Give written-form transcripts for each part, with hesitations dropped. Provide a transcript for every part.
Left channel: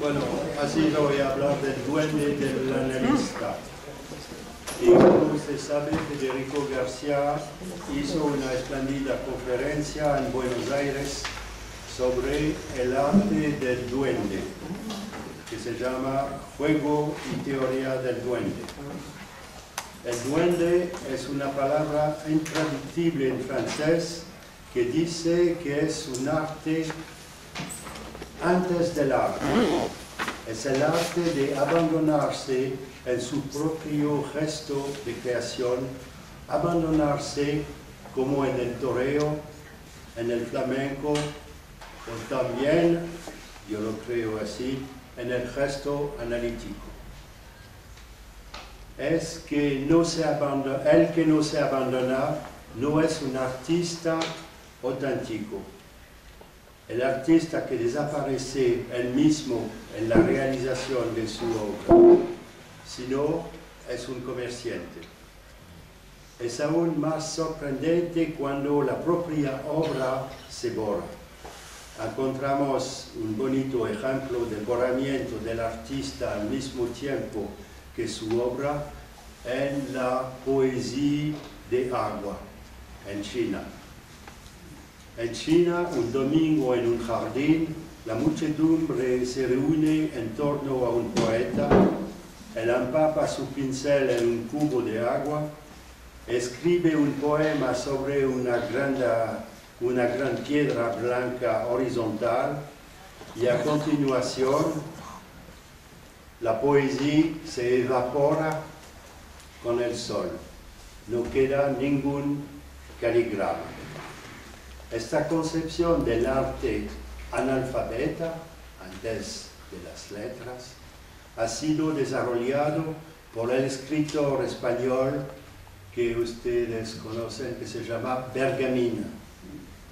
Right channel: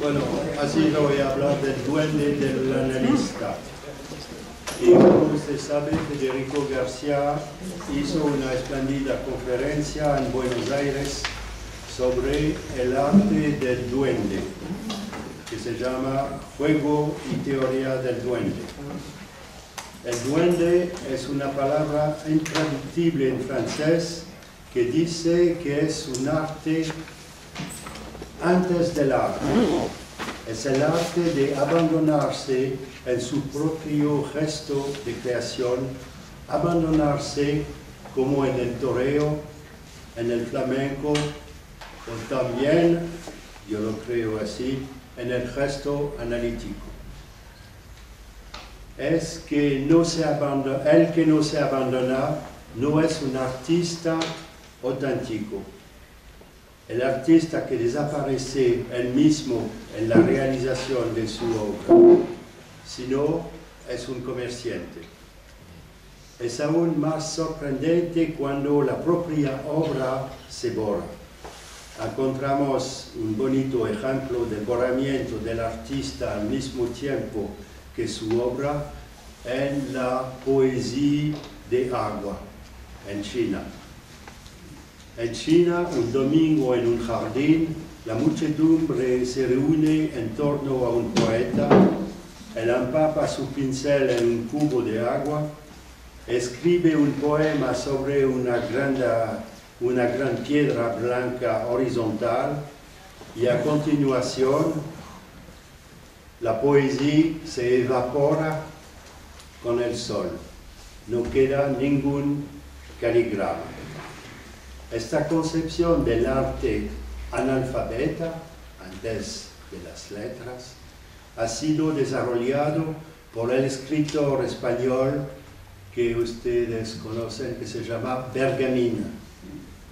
Bueno, así voy a hablar del duende del analista. Y como usted sabe, Federico García hizo una espléndida conferencia en Buenos Aires sobre el arte del duende, que se llama Juego y Teoría del Duende. El duende es una palabra intraductible en francés que dice que es un arte antes del arte. Es el arte de abandonarse en su propio gesto de creación, abandonarse como en el toreo, en el flamenco, o también, yo lo creo así, en el gesto analítico. Es que no se abandona, el que no se abandona no es un artista auténtico. El artista que desaparece él mismo en la realización de su obra, sino es un comerciante. Es aún más sorprendente cuando la propia obra se borra. Encontramos un bonito ejemplo del borramiento del artista al mismo tiempo que su obra en la poesía de agua, en China. En China, un domingo en un jardín, la muchedumbre se reúne en torno a un poeta, él empapa su pincel en un cubo de agua, escribe un poema sobre una gran piedra blanca horizontal y a continuación la poesía se evapora con el sol. No queda ningún caligrama. Esta concepción del arte analfabeta, antes de las letras, ha sido desarrollado por el escritor español que ustedes conocen, que se llama Bergamín,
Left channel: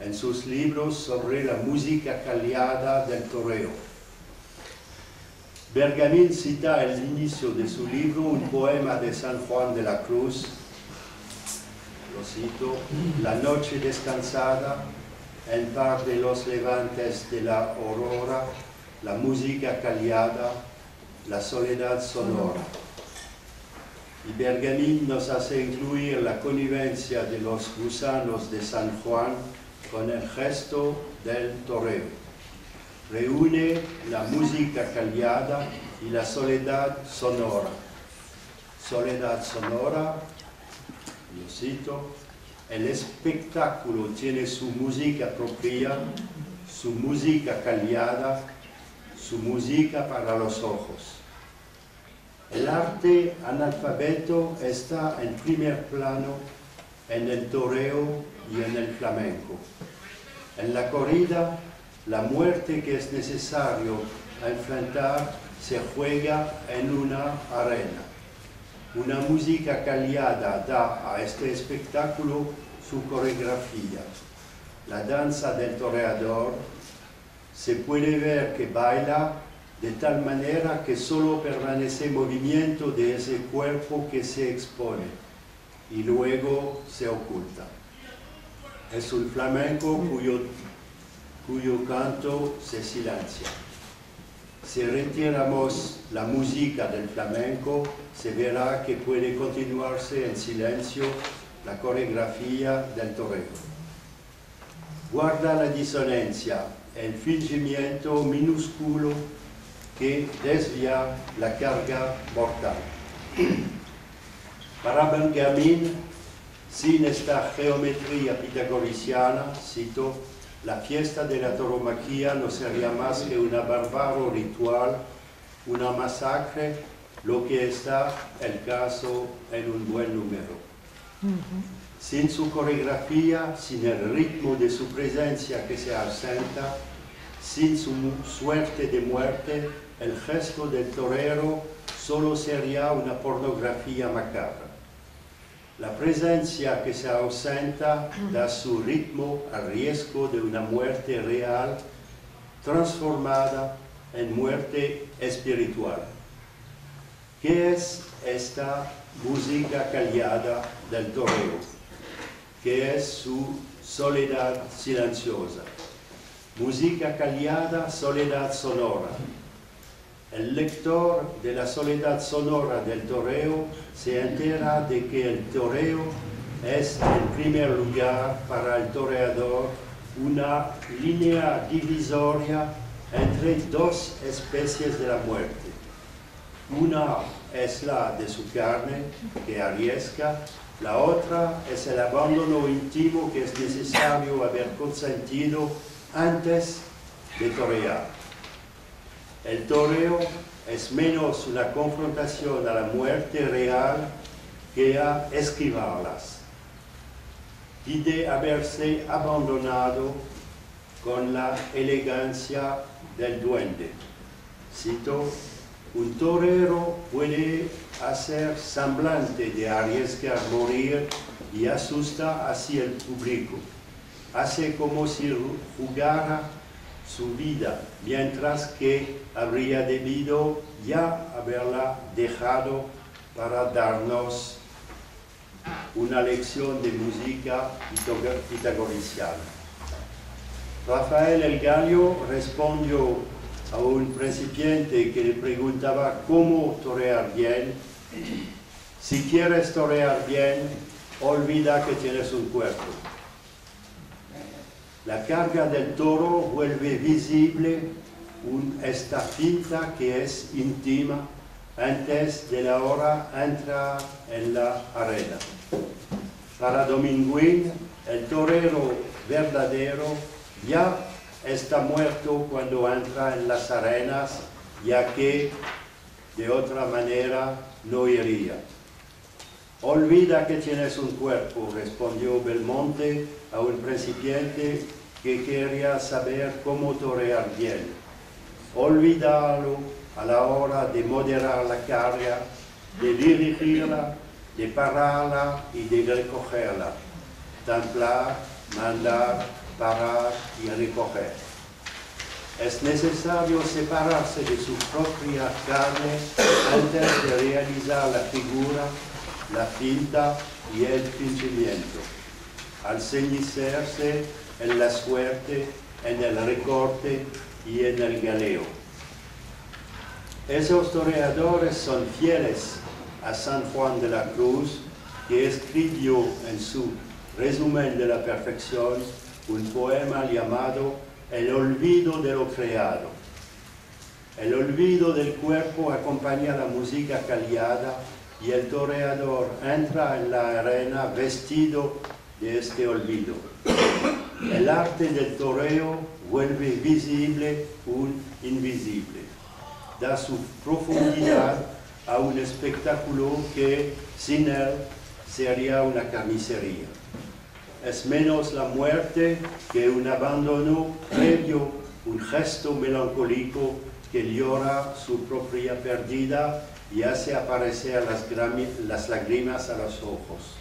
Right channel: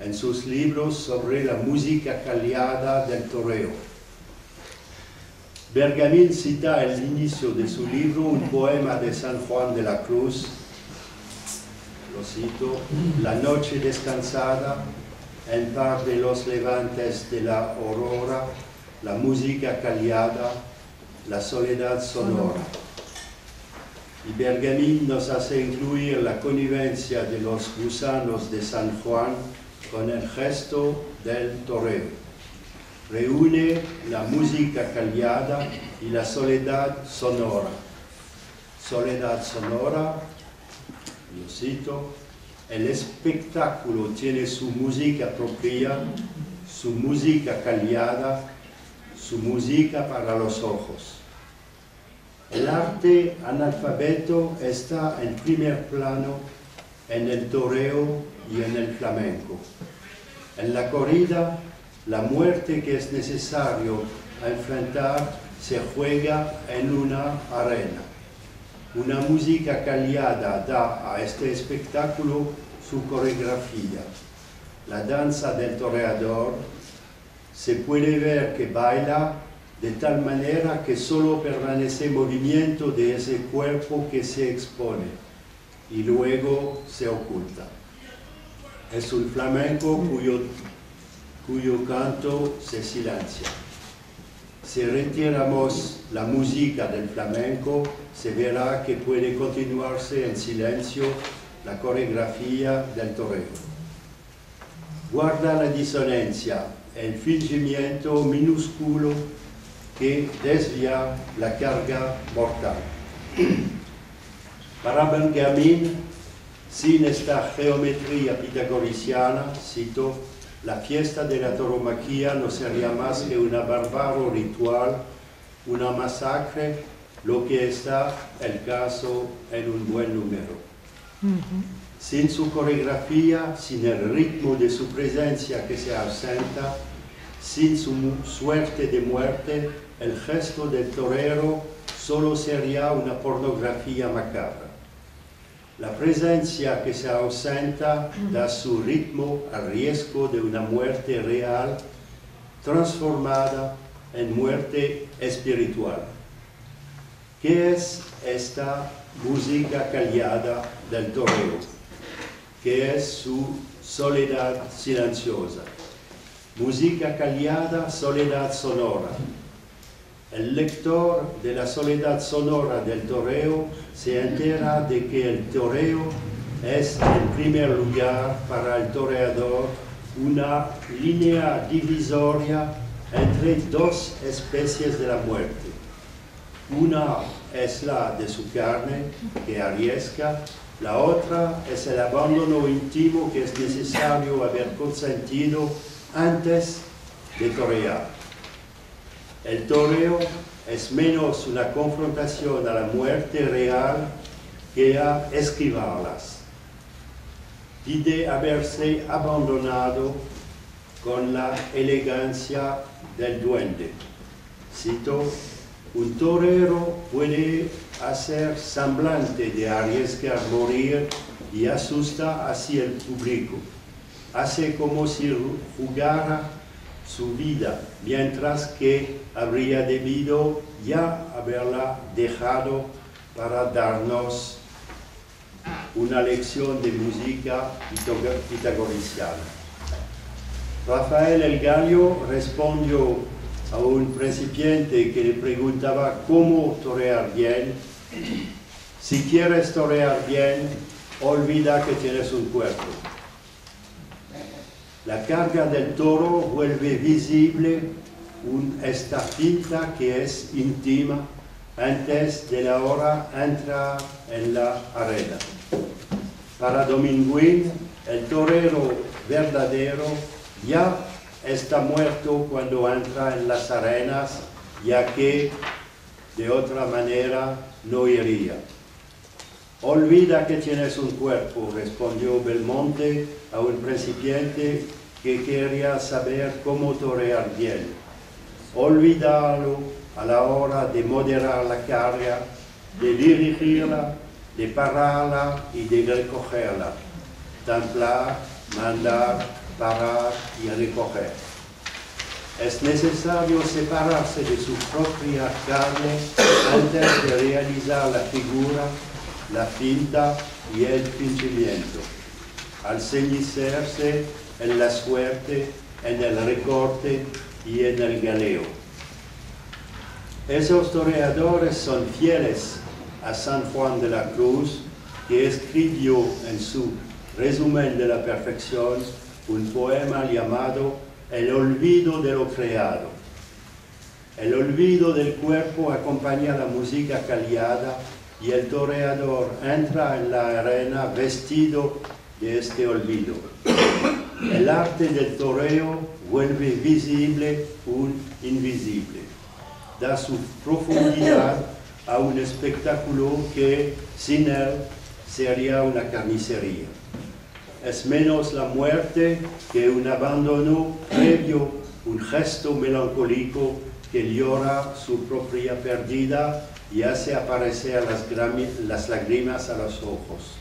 en sus libros sobre la música callada del toreo. Bergamín cita al inicio de su libro un poema de San Juan de la Cruz. Lo cito: la noche descansada, en par de los levantes de la aurora, la música callada, la soledad sonora. Y Bergamín nos hace incluir la connivencia de los gusanos de San Juan con el gesto del toreo. Reúne la música callada y la soledad sonora. Soledad sonora, lo cito: el espectáculo tiene su música propia, su música callada, su música para los ojos. El arte analfabeto está en primer plano en el toreo y en el flamenco. En la corrida, la muerte que es necesario enfrentar se juega en una arena. Una música callada da a este espectáculo su coreografía. La danza del toreador se puede ver que baila de tal manera que solo permanece movimiento de ese cuerpo que se expone y luego se oculta. Es un flamenco cuyo canto se silencia. Si retiramos la música del flamenco, se verá que puede continuarse en silencio la coreografía del toreo. Guarda la disonancia, el fingimiento minúsculo que desvía la carga mortal. Para Bergamín, sin esta geometría pitagoriciana, cito: la fiesta de la tauromaquia no sería más que una bárbaro ritual, una masacre, lo que está el caso en un buen número. Sin su coreografía, sin el ritmo de su presencia que se ausenta, sin su suerte de muerte, el gesto del torero solo sería una pornografía macabra. La presencia que se ausenta da su ritmo al riesgo de una muerte real, transformada en muerte espiritual. ¿Qué es esta música callada del toreo? ¿Qué es su soledad silenciosa? Música callada, soledad sonora. el lector de la soledad sonora del toreo se entera de que el toreo es, en primer lugar, para el toreador, una línea divisoria entre dos especies de la muerte. Una es la de su carne, que arriesga; la otra es el abandono íntimo que es necesario haber consentido antes de torear. El toreo es menos una confrontación a la muerte real que a esquivarlas. Pide haberse abandonado con la elegancia del duende. Cito: un torero puede hacer semblante de arriesgar morir y asusta así al público. Hace como si jugara su vida, mientras que habría debido ya haberla dejado para darnos una lección de música pitagoriciana. Rafael el Gallo respondió a un principiante que le preguntaba cómo torear bien: si quieres torear bien, olvida que tienes un cuerpo. La carga del toro vuelve visible esta finta que es íntima antes de la hora entrar en la arena. Para Dominguín, el torero verdadero ya está muerto cuando entra en las arenas, ya que de otra manera no iría. Olvida que tienes un cuerpo, respondió Belmonte a un principiante que quería saber cómo torear bien. Olvídalo a la hora de moderar la carga, de dirigirla, de pararla y de recogerla. Templar, mandar, parar y recoger. Es necesario separarse de su propia carne antes de realizar la figura, la finta y el fingimiento. Al ceñirse en la suerte, en el recorte y en el galeo. Esos toreadores son fieles a San Juan de la Cruz, que escribió en su resumen de la perfección un poema llamado El olvido de lo creado. El olvido del cuerpo acompaña la música callada y el toreador entra en la arena vestido de este olvido. El arte del toreo vuelve visible un invisible. Da su profundidad a un espectáculo que sin él sería una carnicería. Es menos la muerte que un abandono previo, un gesto melancólico que llora su propia pérdida y hace aparecer las lágrimas a los ojos.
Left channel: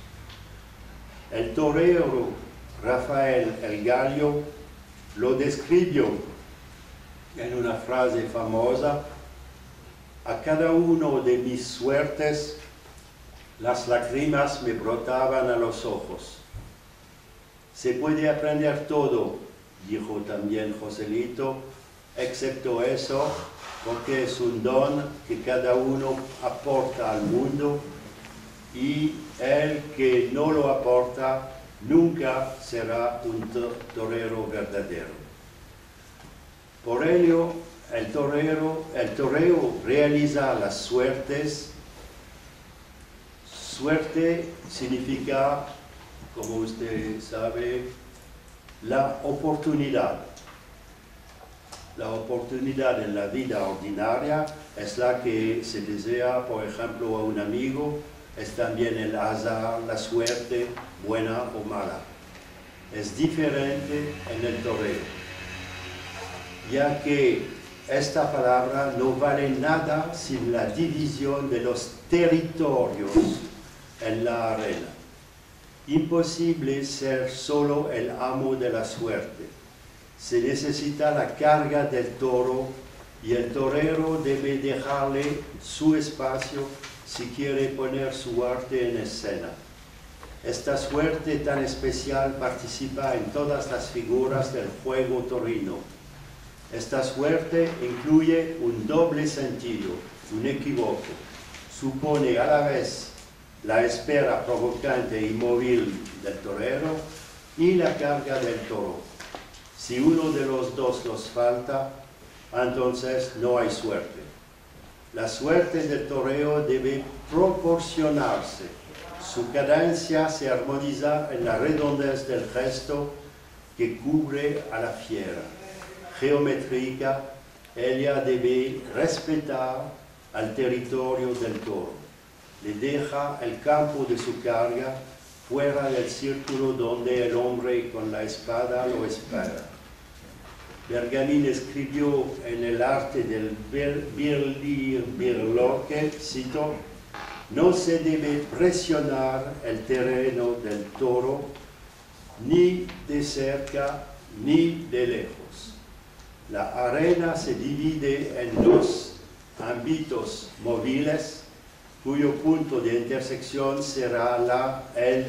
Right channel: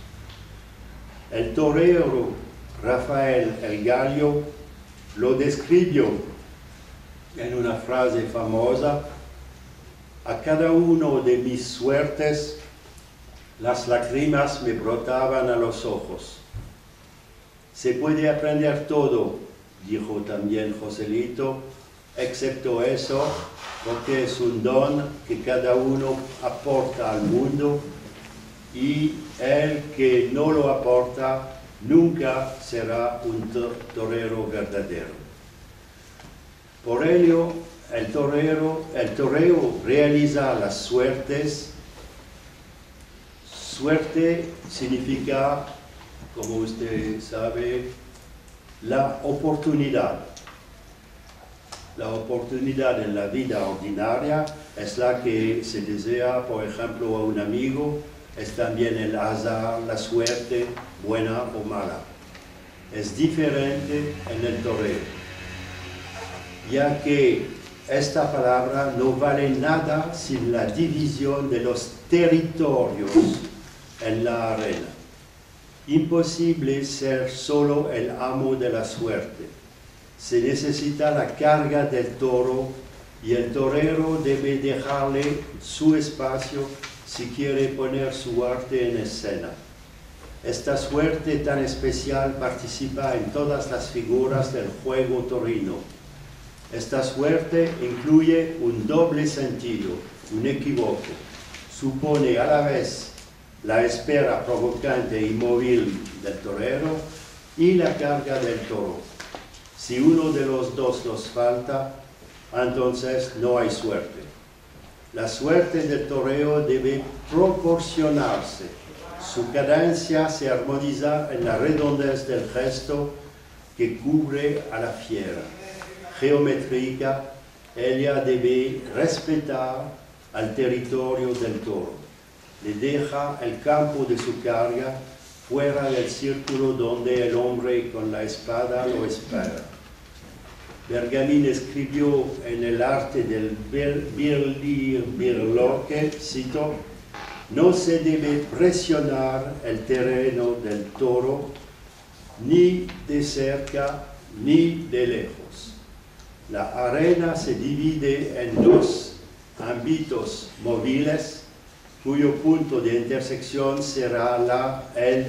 El torero Rafael el Gallo lo describió en una frase famosa: a cada uno de mis suertes las lágrimas me brotaban a los ojos. Se puede aprender todo, dijo también Joselito, excepto eso, porque es un don que cada uno aporta al mundo y el que no lo aporta nunca será un torero verdadero. Por ello, el toreo realiza las suertes. Suerte significa, como usted sabe, la oportunidad. La oportunidad en la vida ordinaria es la que se desea, por ejemplo, a un amigo. Es también el azar, la suerte, buena o mala. Es diferente en el toreo, ya que esta palabra no vale nada sin la división de los territorios en la arena. Imposible ser solo el amo de la suerte. Se necesita la carga del toro y el torero debe dejarle su espacio si quiere poner su arte en escena. Esta suerte tan especial participa en todas las figuras del juego torino. Esta suerte incluye un doble sentido, un equívoco. Supone a la vez la espera provocante y móvil del torero y la carga del toro. Si uno de los dos nos falta, entonces no hay suerte. La suerte del toreo debe proporcionarse. Su cadencia se armoniza en la redondez del gesto que cubre a la fiera. Geométrica, ella debe respetar al territorio del toro. Le deja el campo de su carga fuera del círculo donde el hombre con la espada lo espera. Bergamin escribió en el arte del birloque, cito, no se debe presionar el terreno del toro ni de cerca ni de lejos. La arena se divide en dos ámbitos móviles cuyo punto de intersección será el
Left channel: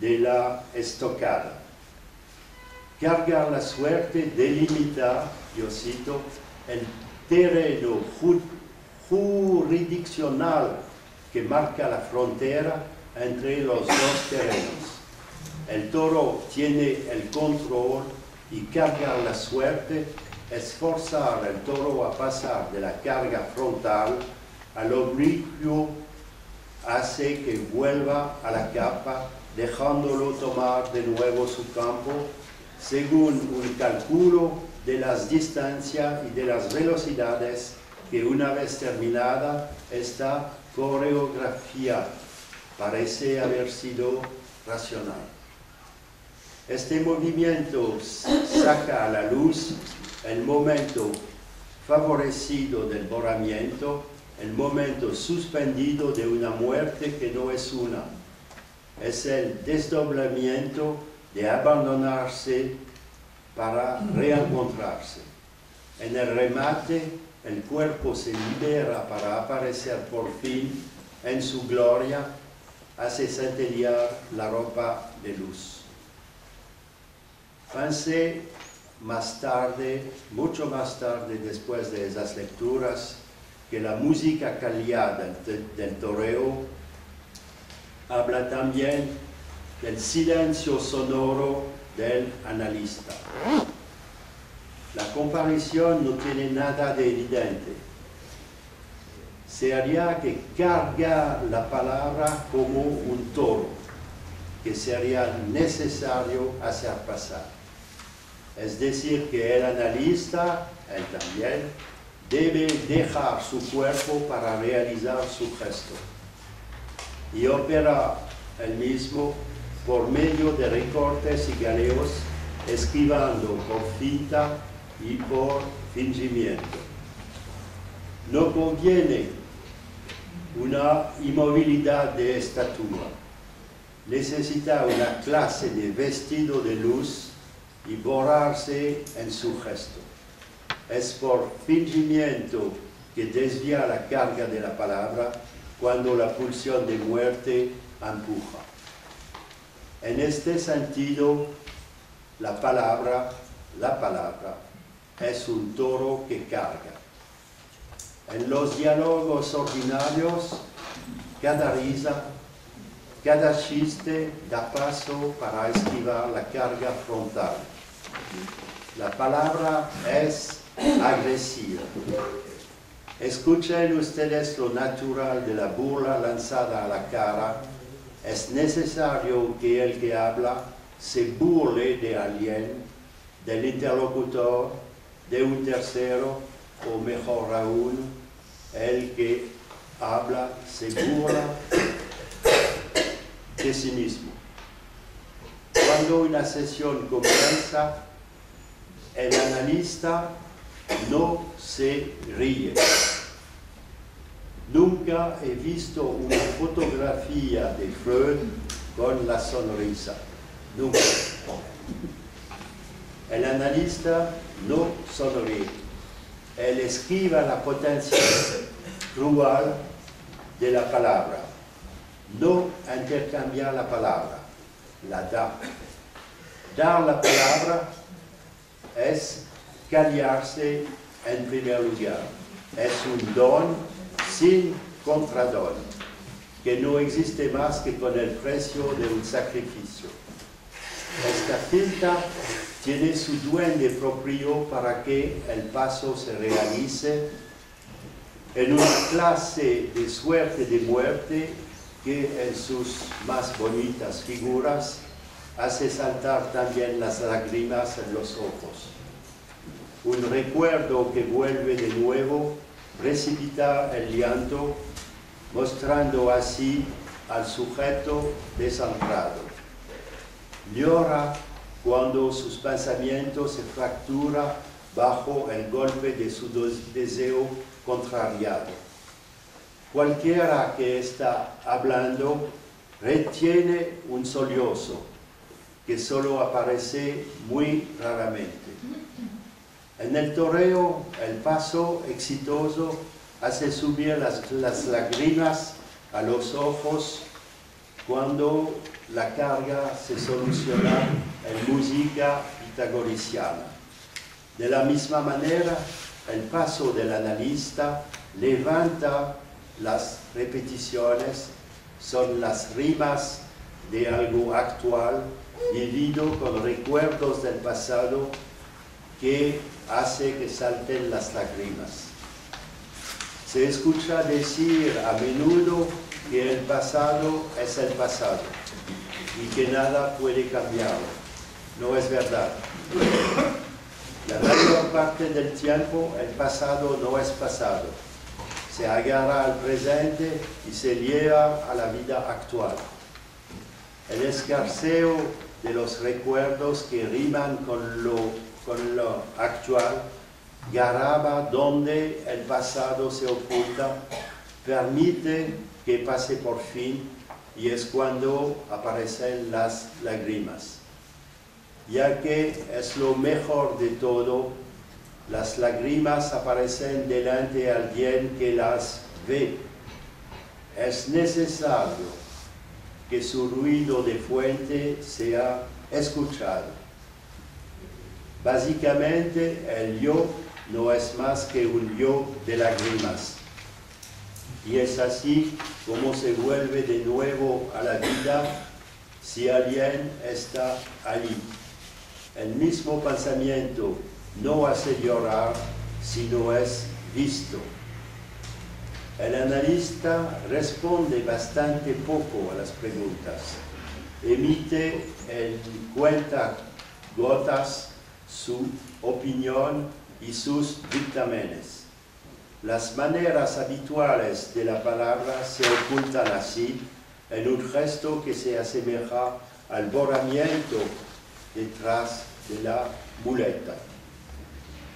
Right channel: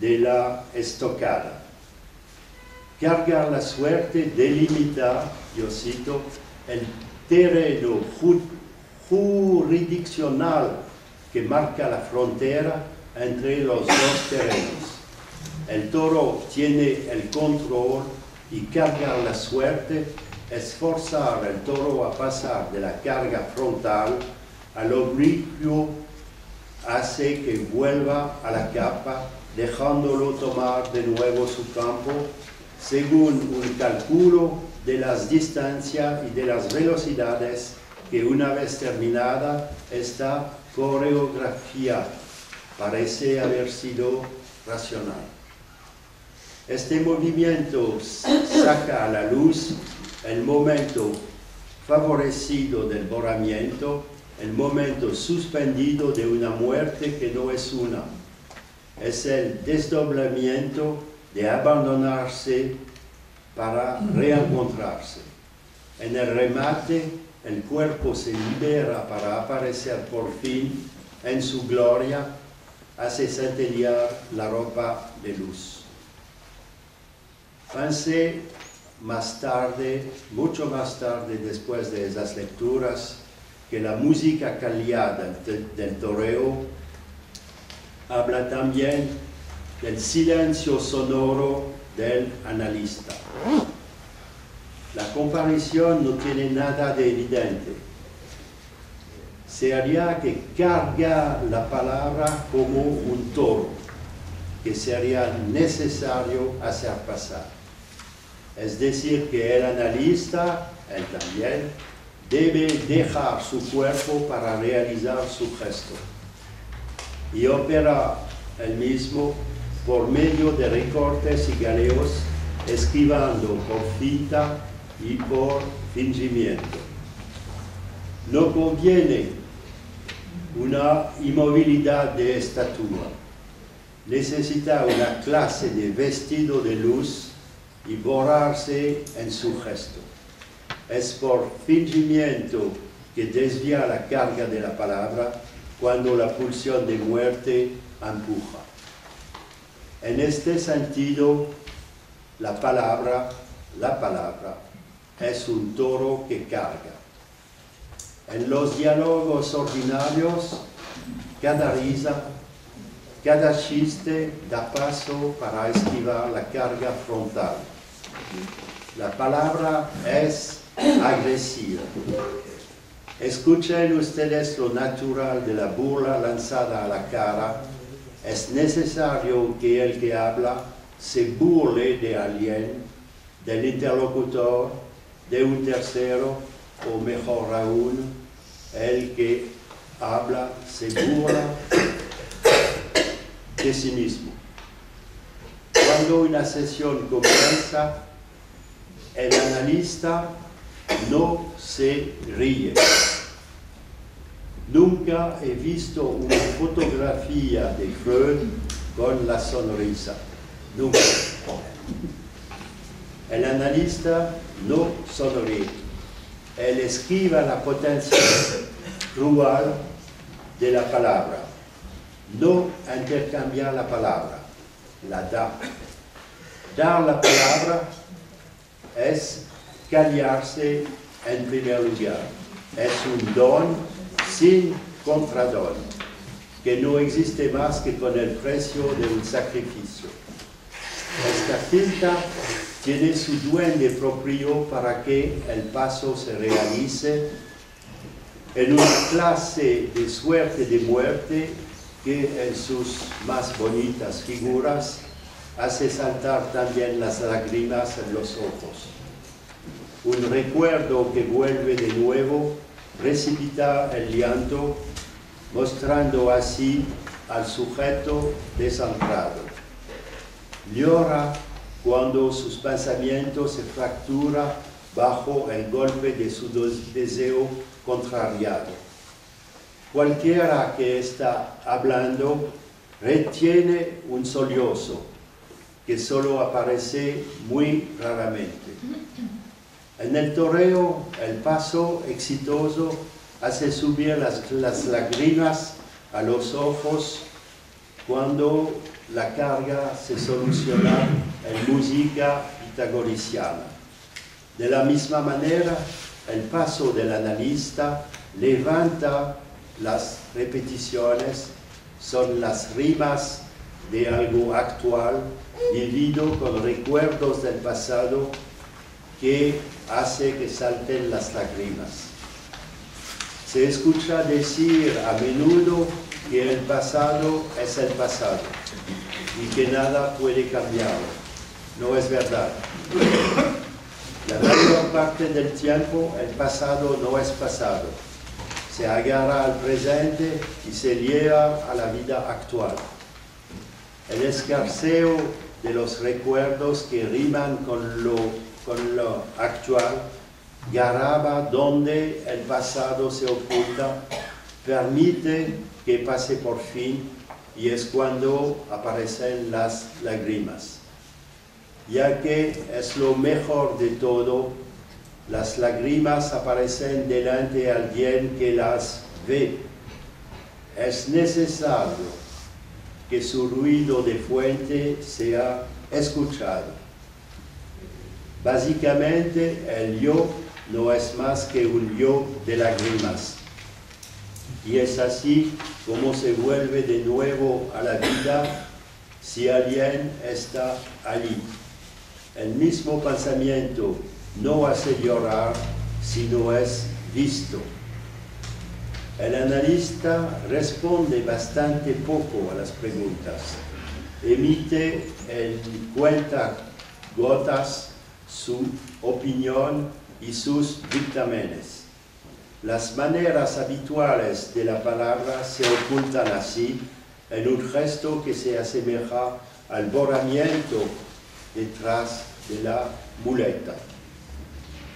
de la estocada. Cargar la suerte delimita, yo cito, el terreno jurisdiccional que marca la frontera entre los dos terrenos. El toro tiene el control y cargar la suerte es forzar al toro a pasar de la carga frontal al oblicuo, hace que vuelva a la capa, dejándolo tomar de nuevo su campo, según un cálculo de las distancias y de las velocidades que una vez terminada esta coreografía parece haber sido racional. Este movimiento saca a la luz el momento favorecido del borramiento, el momento suspendido de una muerte que no es una. Es el desdoblamiento de abandonarse para reencontrarse. En el remate, el cuerpo se libera para aparecer por fin en su gloria, hace centellear la ropa de luz. Pensé más tarde, mucho más tarde, después de esas lecturas, que la música callada del toreo habla también del silencio sonoro del analista. La comparación no tiene nada de evidente. Se haría que carga la palabra como un toro, que sería necesario hacer pasar. Es decir, que el analista, él también, debe dejar su cuerpo para realizar su gesto y opera el mismo por medio de recortes y galeos, esquivando por finta y por fingimiento. No conviene una inmovilidad de estatura, necesita una clase de vestido de luz y borrarse en su gesto. Es por fingimiento que desvía la carga de la palabra cuando la pulsión de muerte empuja. En este sentido, la palabra es un toro que carga. En los diálogos ordinarios, cada risa, cada chiste da paso para esquivar la carga frontal. La palabra es agresiva. Escuchen ustedes lo natural de la burla lanzada a la cara. Es necesario que el que habla se burle de alguien, del interlocutor, de un tercero, o mejor aún, el que habla se burla de sí mismo. Cuando una sesión comienza, el analista no se ríe. Nunca he visto una fotografía de Freud con la sonrisa. Nunca. El analista no sonríe. Él esquiva la potencia cruel de la palabra. No intercambia la palabra, la da. Dar la palabra es callarse en primer lugar. Es un don sin contradón, que no existe más que con el precio de un sacrificio. Esta cinta tiene su duende propio para que el paso se realice en una clase de suerte de muerte que en sus más bonitas figuras hace saltar también las lágrimas en los ojos. Un recuerdo que vuelve de nuevo, precipita el llanto, mostrando así al sujeto desamparado. Llora cuando sus pensamientos se fracturan bajo el golpe de su deseo contrariado. Cualquiera que está hablando retiene un sollozo que solo aparece muy raramente. En el toreo, el paso exitoso hace subir las lágrimas a los ojos cuando la carga se soluciona en música pitagoriciana. De la misma manera, el paso del analista levanta las repeticiones, son las rimas de algo actual, vivido con recuerdos del pasado que hace que salten las lágrimas. Se escucha decir a menudo que el pasado es el pasado y que nada puede cambiarlo. No es verdad. La mayor parte del tiempo el pasado no es pasado. Se agarra al presente y se lleva a la vida actual. El escarceo de los recuerdos que riman con lo actual graba donde el pasado se oculta, permite que pase por fin y es cuando aparecen las lágrimas. Ya que es lo mejor de todo, las lágrimas aparecen delante de alguien que las ve. Es necesario que su ruido de fuente sea escuchado. Básicamente, el yo no es más que un yo de lágrimas. Y es así como se vuelve de nuevo a la vida si alguien está allí. El mismo pensamiento no hace llorar si no es visto. El analista responde bastante poco a las preguntas. Emite en cuentagotas su opinión y sus dictámenes. Las maneras habituales de la palabra se ocultan así en un gesto que se asemeja al borramiento detrás de la muleta.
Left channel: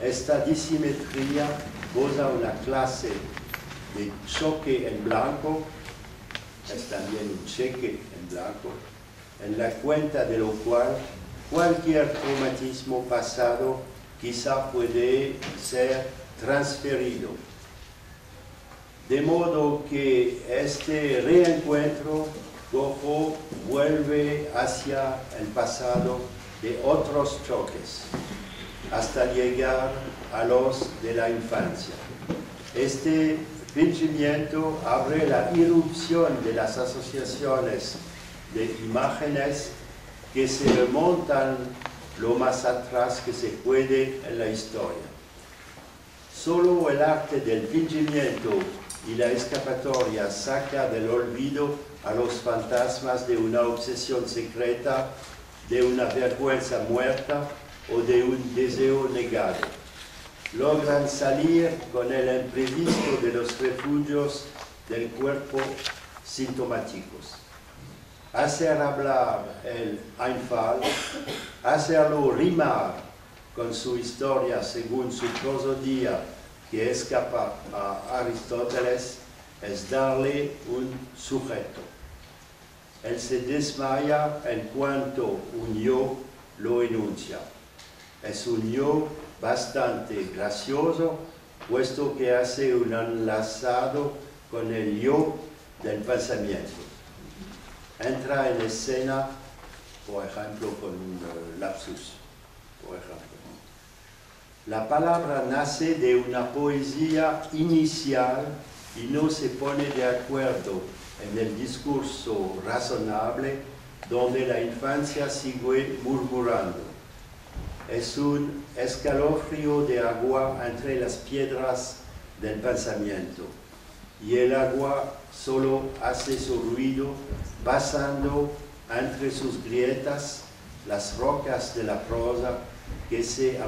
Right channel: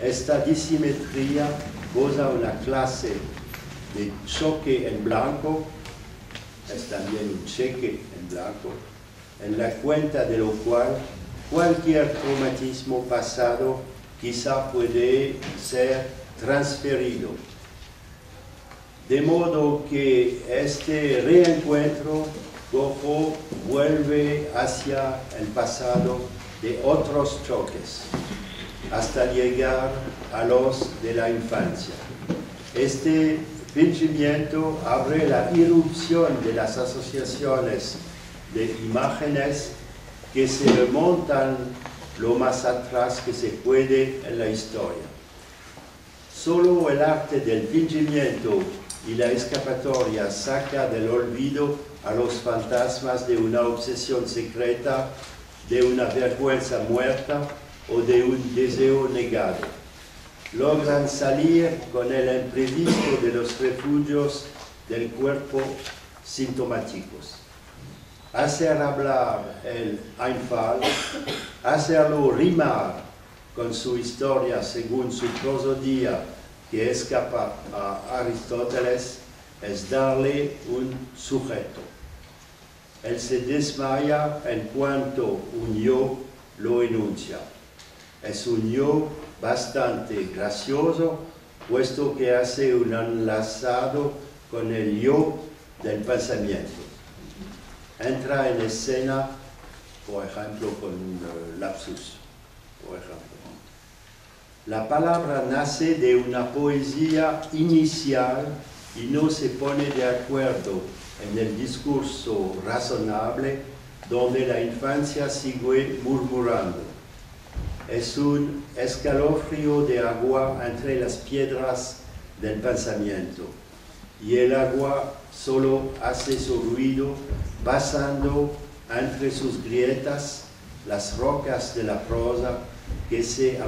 Esta disimetría goza una clase de choque en blanco, es también un cheque en blanco, en la cuenta de lo cual cualquier traumatismo pasado quizá puede ser transferido. De modo que este reencuentro cojo vuelve hacia el pasado de otros choques, hasta llegar a los de la infancia. Este fingimiento abre la irrupción de las asociaciones de imágenes que se remontan lo más atrás que se puede en la historia. Solo el arte del fingimiento y la escapatoria saca del olvido a los fantasmas de una obsesión secreta, de una vergüenza muerta o de un deseo negado. Logran salir con el imprevisto de los refugios del cuerpo sintomáticos. Hacer hablar el Einfall, hacerlo rimar con su historia según su prosodía que escapa a Aristóteles, es darle un sujeto. Él se desmaya en cuanto un yo lo enuncia. Es un yo bastante gracioso, puesto que hace un enlazado con el yo del pensamiento. Entra en escena, por ejemplo, con un lapsus, por ejemplo. La palabra nace de una poesía inicial y no se pone de acuerdo en el discurso razonable donde la infancia sigue murmurando. Es un escalofrío de agua entre las piedras del pensamiento y el agua solo hace su ruido pasando entre sus grietas las rocas de la prosa que se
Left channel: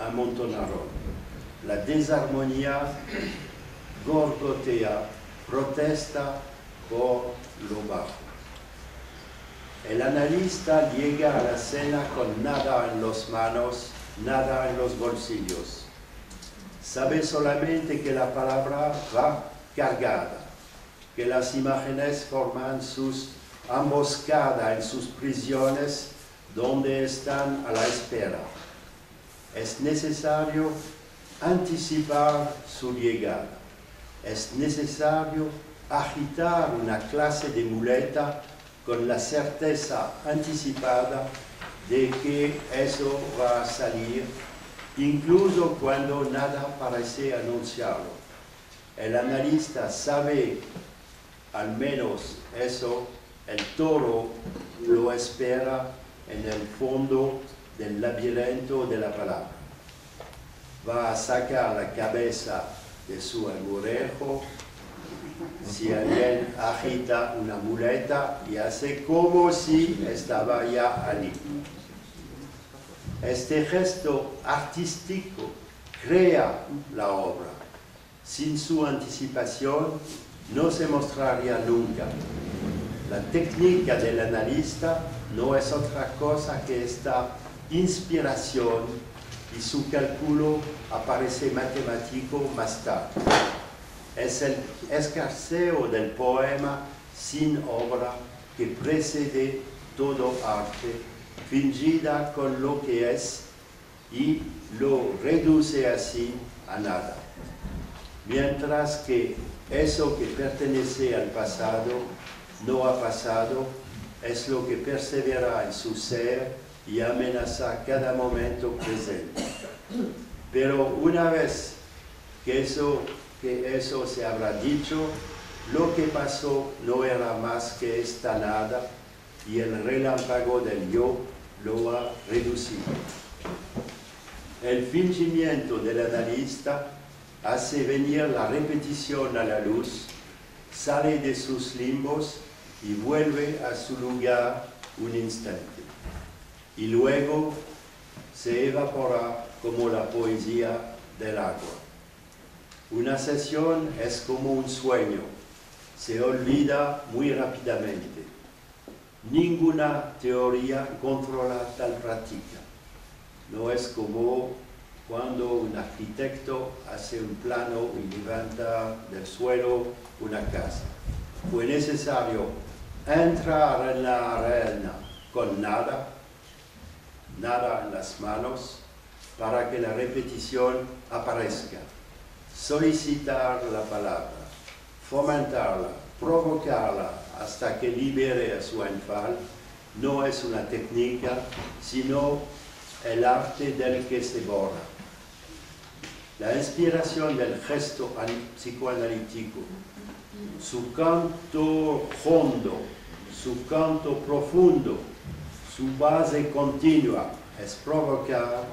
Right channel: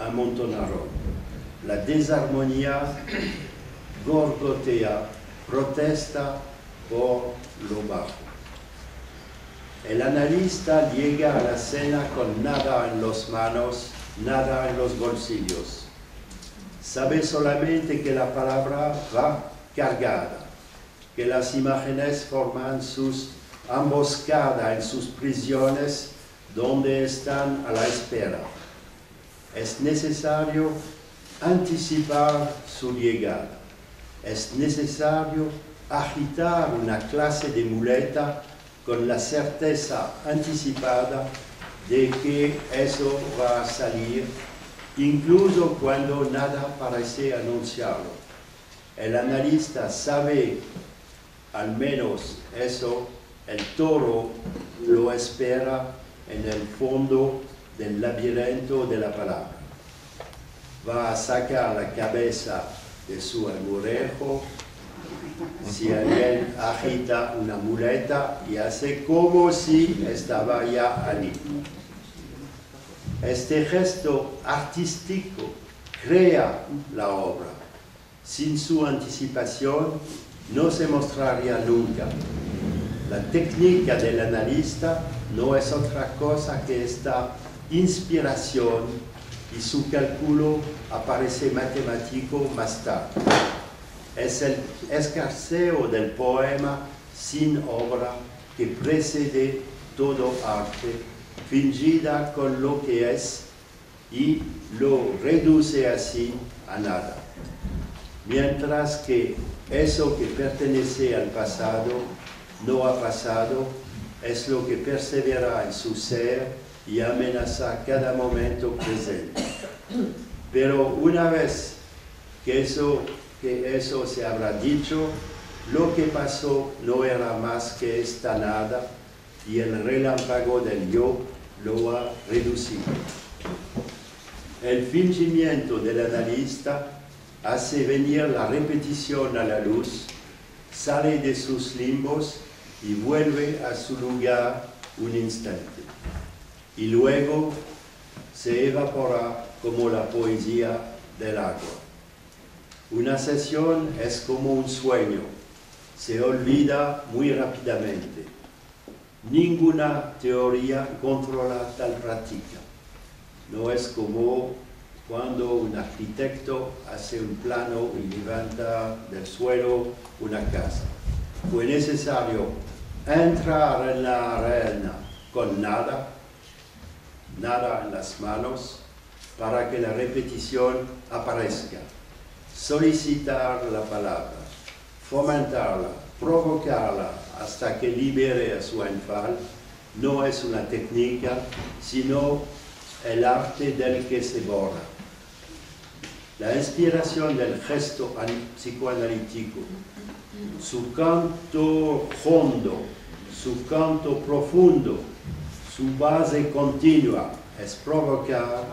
amontonaron. La desarmonía gorgotea, protesta por lo bajo. El analista llega a la escena con nada en las manos, nada en los bolsillos. Sabe solamente que la palabra va cargada, que las imágenes forman sus emboscadas en sus prisiones donde están a la espera. Es necesario anticipar su llegada. Es necesario agitar una clase de muleta con la certeza anticipada de que eso va a salir, incluso cuando nada parece anunciarlo. El analista sabe al menos eso, el toro lo espera en el fondo del laberinto de la palabra. Va a sacar la cabeza de su agujero si alguien agita una muleta y hace como si estaba ya allí. Este gesto artístico crea la obra. Sin su anticipación no se mostraría nunca. La técnica del analista no es otra cosa que esta inspiración y su cálculo aparece matemático más tarde. Es el escarceo del poema sin obra que precede todo arte, fingida con lo que es y lo reduce así a nada. Mientras que eso que pertenece al pasado no ha pasado, es lo que persevera en su ser y amenaza cada momento presente. Pero una vez que eso se habrá dicho, lo que pasó no era más que esta nada y el relámpago del yo lo ha reducido. El fingimiento del analista hace venir la repetición a la luz, sale de sus limbos y vuelve a su lugar un instante. Y luego se evapora como la poesía del agua. Una sesión es como un sueño, se olvida muy rápidamente. Ninguna teoría controla tal práctica. No es como cuando un arquitecto hace un plano y levanta del suelo una casa. Fue necesario entrar en la arena con nada en las manos, para que la repetición aparezca. Solicitar la palabra, fomentarla, provocarla hasta que libere a su enfado, no es una técnica, sino el arte del que se borra. La inspiración del gesto psicoanalítico, su canto hondo, su canto profundo, su base continua es provocar,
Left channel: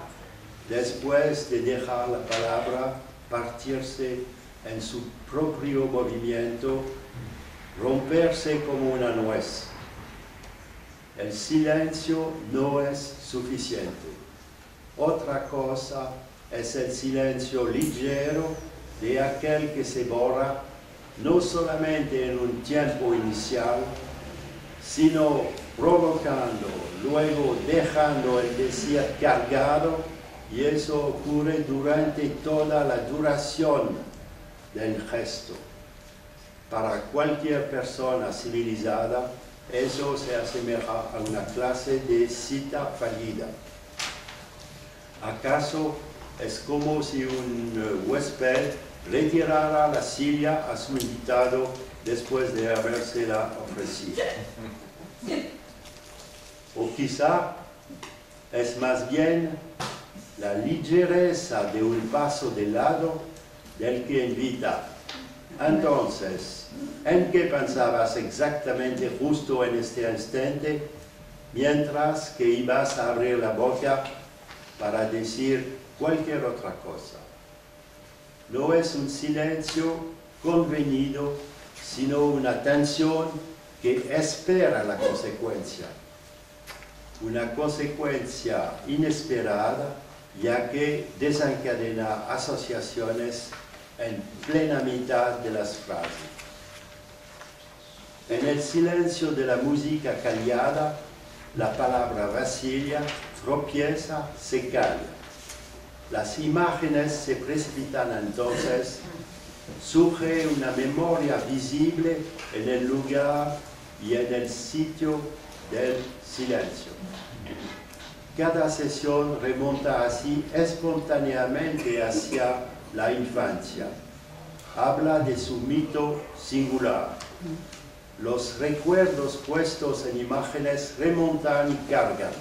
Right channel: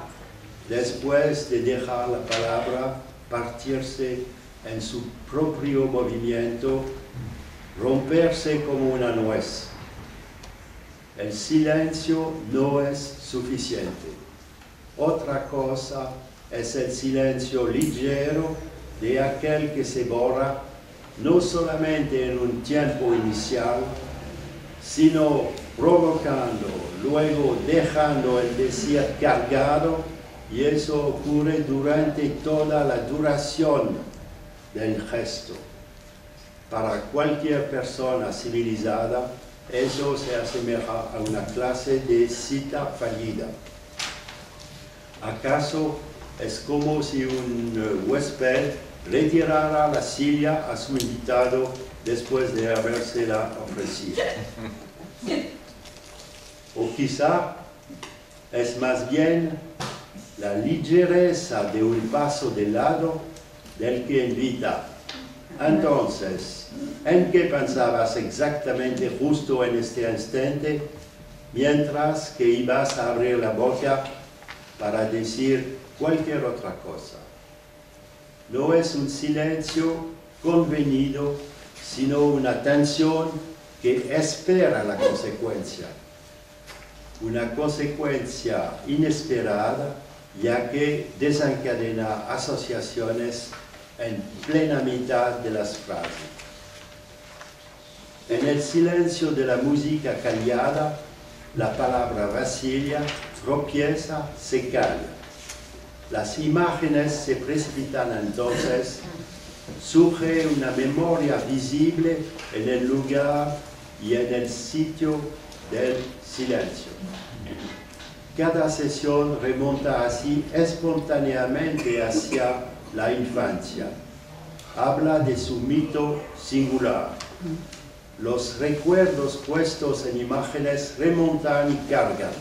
después de dejar la palabra partirse en su propio movimiento, romperse como una nuez. El silencio no es suficiente. Otra cosa es el silencio ligero de aquel que se borra, no solamente en un tiempo inicial, sino provocando, luego dejando el decir cargado, y eso ocurre durante toda la duración del gesto. Para cualquier persona civilizada, eso se asemeja a una clase de cita fallida. ¿Acaso es como si un huésped retirara la silla a su invitado después de habérsela ofrecido? O quizá es más bien la ligereza de un paso de lado del que invita. Entonces, ¿en qué pensabas exactamente justo en este instante, mientras que ibas a abrir la boca para decir cualquier otra cosa? No es un silencio convenido, sino una tensión que espera la consecuencia. Una consecuencia inesperada, ya que desencadena asociaciones en plena mitad de las frases. En el silencio de la música callada, la palabra vacila, tropieza, se calla. Las imágenes se precipitan entonces, surge una memoria visible en el lugar y en el sitio del silencio. Cada sesión remonta así espontáneamente hacia la infancia. Habla de su mito singular. Los recuerdos puestos en imágenes remontan y cargan.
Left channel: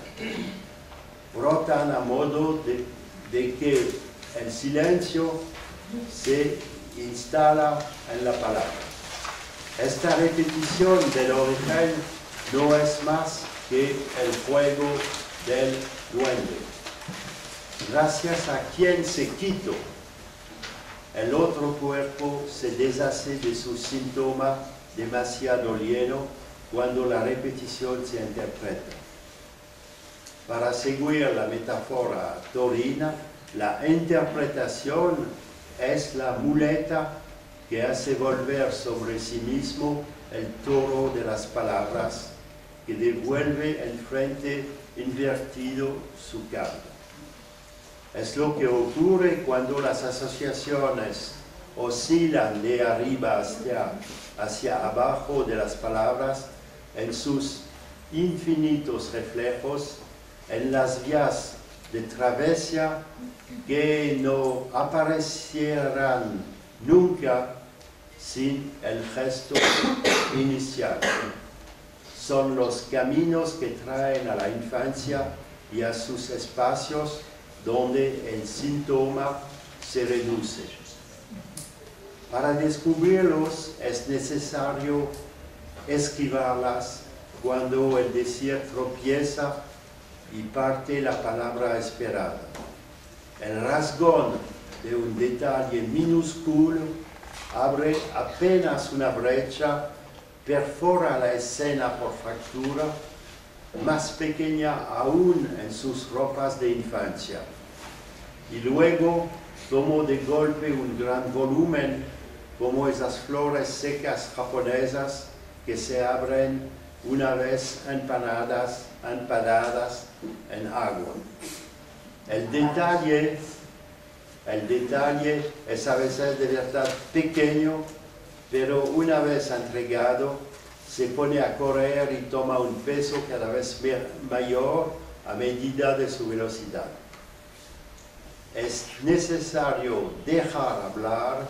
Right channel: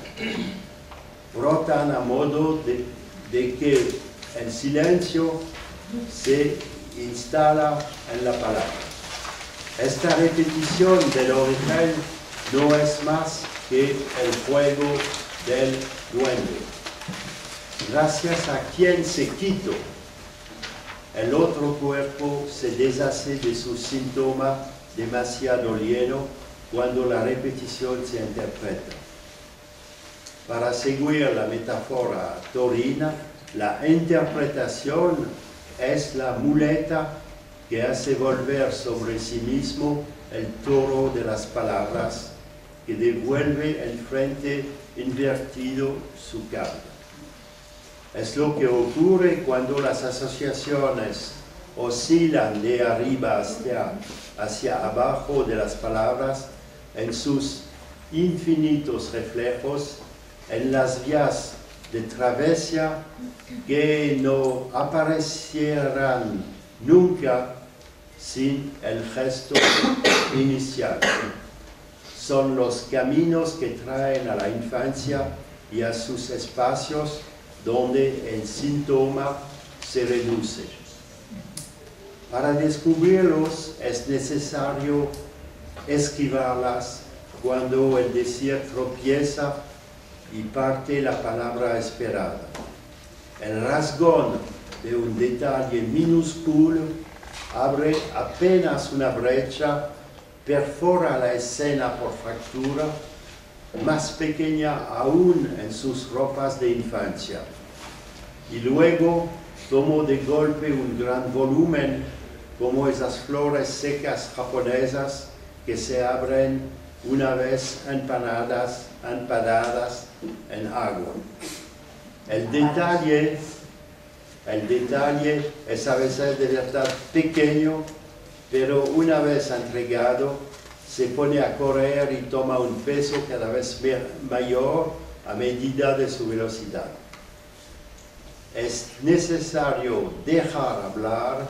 Brotan a modo de que el silencio se instala en la palabra. Esta repetición del origen no es más que el juego del duende. Gracias a quien se quitó, el otro cuerpo se deshace de su síntoma demasiado lleno cuando la repetición se interpreta. Para seguir la metáfora taurina, la interpretación es la muleta que hace volver sobre sí mismo el toro de las palabras, que devuelve el frente invertido su carga. Es lo que ocurre cuando las asociaciones oscilan de arriba hacia abajo de las palabras en sus infinitos reflejos, en las vías de travesía que no aparecerán nunca sin el gesto inicial. Son los caminos que traen a la infancia y a sus espacios donde el síntoma se reduce. Para descubrirlos es necesario esquivarlas cuando el decir tropieza y parte la palabra esperada. El rasgón de un detalle minúsculo abre apenas una brecha, perfora la escena por fractura, más pequeña aún en sus ropas de infancia. Y luego tomó de golpe un gran volumen, como esas flores secas japonesas que se abren una vez empanadas en agua. El detalle es a veces de verdad pequeño, pero una vez entregado, se pone a correr y toma un peso cada vez mayor a medida de su velocidad. Es necesario dejar hablar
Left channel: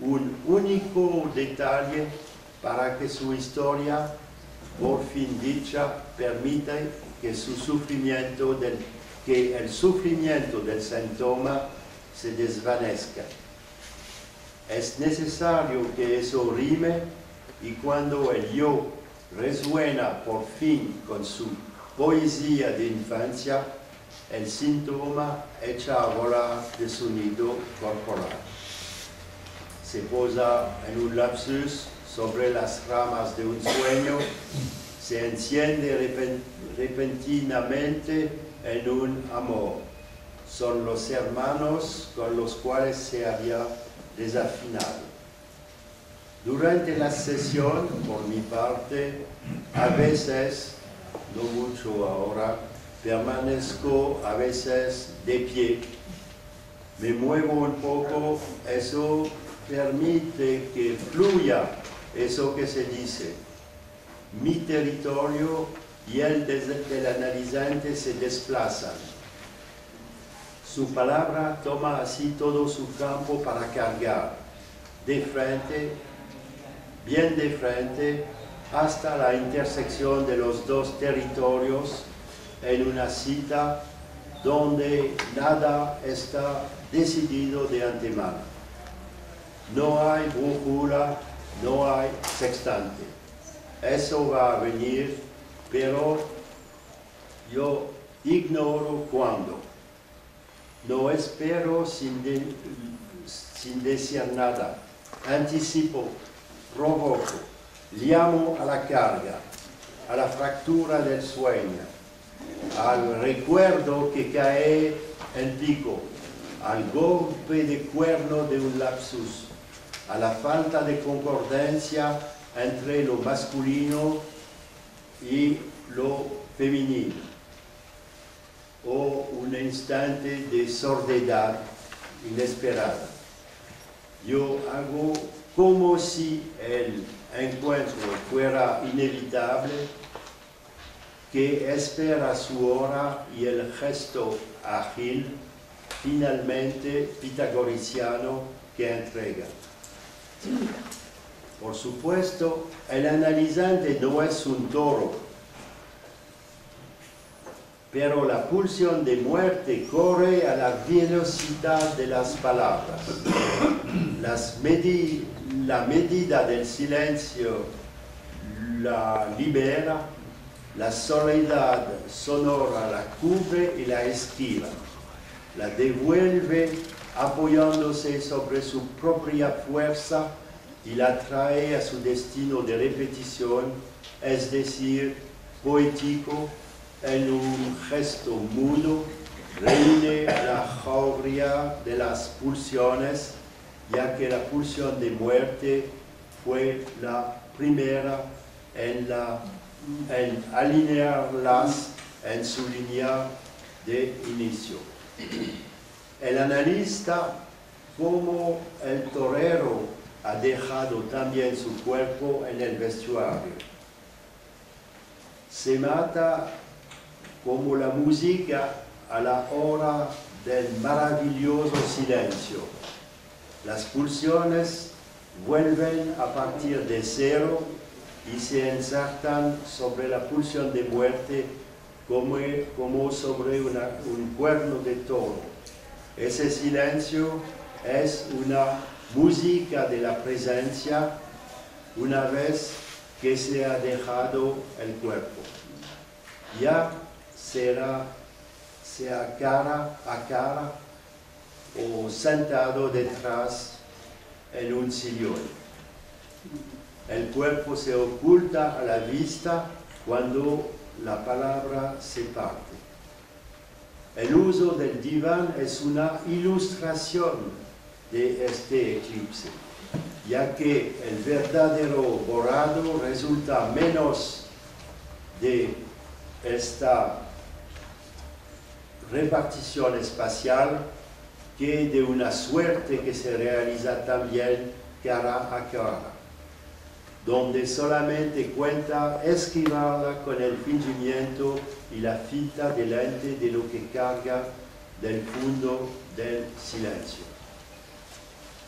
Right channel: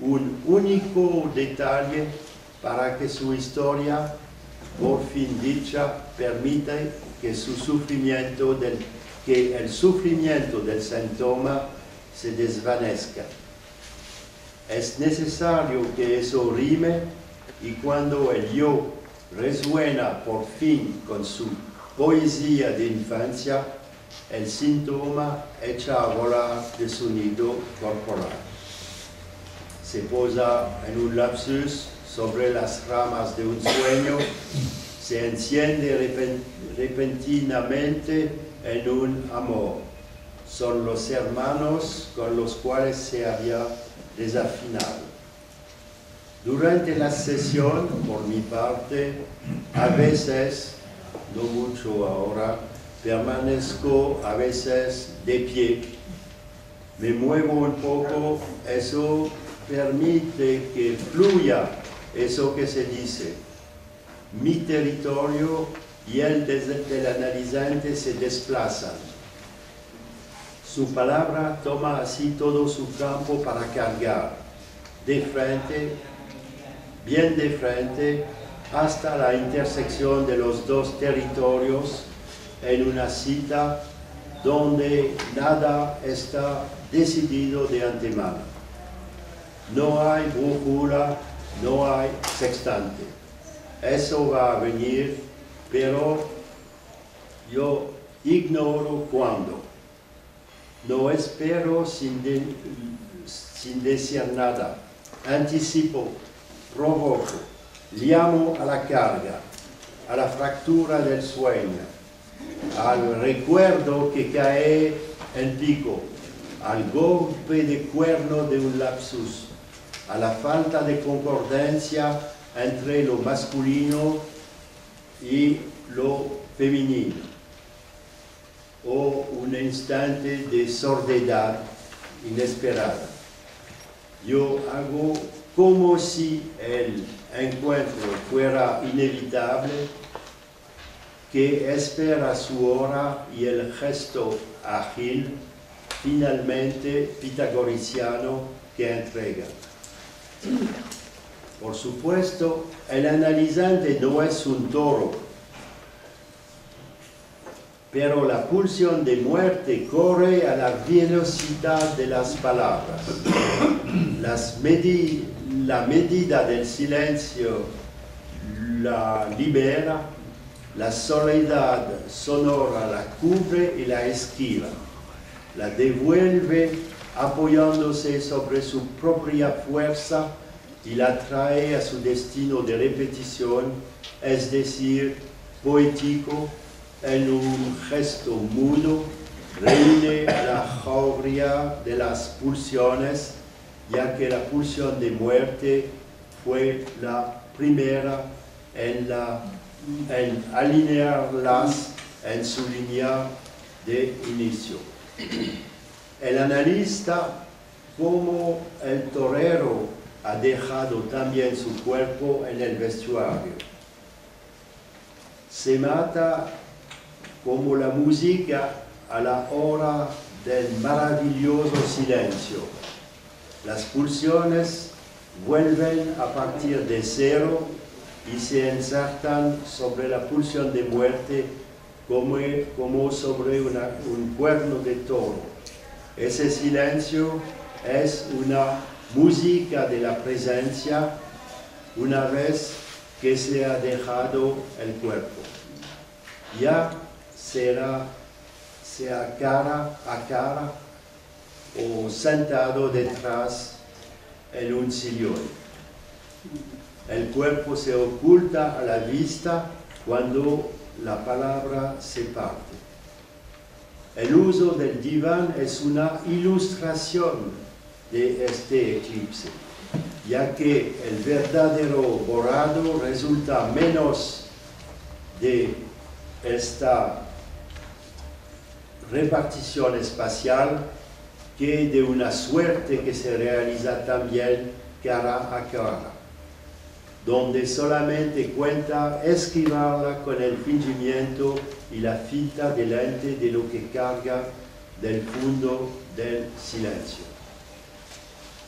un único detalle para que su historia, por fin dicha, permita que el sufrimiento del síntoma se desvanezca. Es necesario que eso rime, y cuando el yo resuena por fin con su poesía de infancia, el síntoma echa a volar de su nido corporal. Se posa en un lapsus sobre las ramas de un sueño, se enciende repentinamente en un amor. Son los hermanos con los cuales se había desafinado. Durante la sesión, por mi parte, a veces, no mucho ahora, permanezco a veces de pie. Me muevo un poco, eso permite que fluya eso que se dice. Mi territorio y el del analizante se desplazan. Su palabra toma así todo su campo para cargar, de frente, bien de frente, hasta la intersección de los dos territorios en una cita donde nada está decidido de antemano. No hay brújula, no hay sextante. Eso va a venir, pero yo ignoro cuándo. No espero sin decir nada. Anticipo, provoco, llamo a la carga, a la fractura del sueño, al recuerdo que cae en pico, al golpe de cuerno de un lapsus, a la falta de concordancia entre lo masculino y lo femenino, o un instante de sordidad inesperada. Yo hago como si el encuentro fuera inevitable, que espera su hora y el gesto ágil, finalmente pitagoriciano, que entrega. Por supuesto, el analizante no es un toro, pero la pulsión de muerte corre a la velocidad de las palabras. La medida del silencio la libera, la soledad sonora la cubre y la esquiva, la devuelve apoyándose sobre su propia fuerza y la trae a su destino de repetición, es decir, poético, en un gesto mudo, reúne la jauría de las pulsiones, ya que la pulsión de muerte fue la primera en alinearlas en su línea de inicio. El analista, como el torero, ha dejado también su cuerpo en el vestuario. Se mata como la música a la hora del maravilloso silencio. Las pulsiones vuelven a partir de cero y se insertan sobre la pulsión de muerte como sobre un cuerno de toro. Ese silencio es una música de la presencia una vez que se ha dejado el cuerpo. Ya sea cara a cara o sentado detrás en un sillón. El cuerpo se oculta a la vista cuando la palabra se parte. El uso del diván es una ilustración de este eclipse, ya que el verdadero borrado resulta menos de esta repartición espacial que de una suerte que se realiza también cara a cara, donde solamente cuenta esquivarla con el fingimiento y la fita delante de lo que carga del fondo del silencio.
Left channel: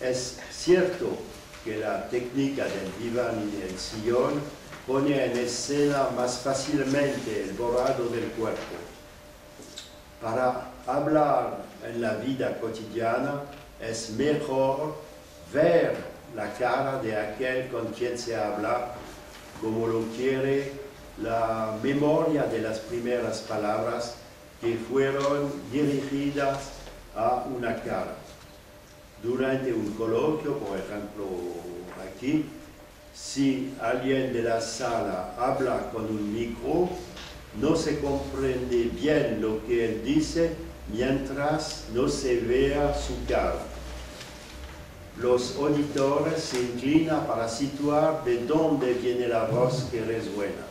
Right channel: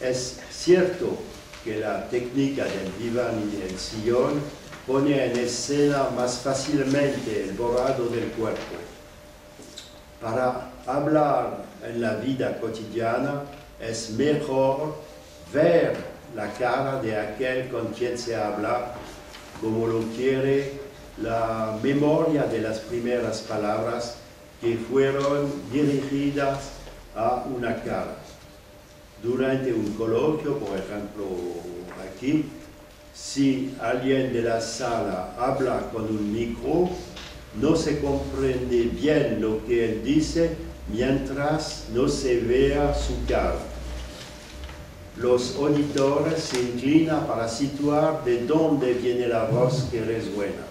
Es cierto que la técnica del diván y del sillón pone en escena más fácilmente el borrado del cuerpo. Para hablar en la vida cotidiana es mejor ver la cara de aquel con quien se habla, como lo quiere la memoria de las primeras palabras que fueron dirigidas a una cara. Durante un coloquio, por ejemplo aquí, si alguien de la sala habla con un micro, no se comprende bien lo que él dice mientras no se vea su cara. Los auditores se inclinan para situar de dónde viene la voz que resuena.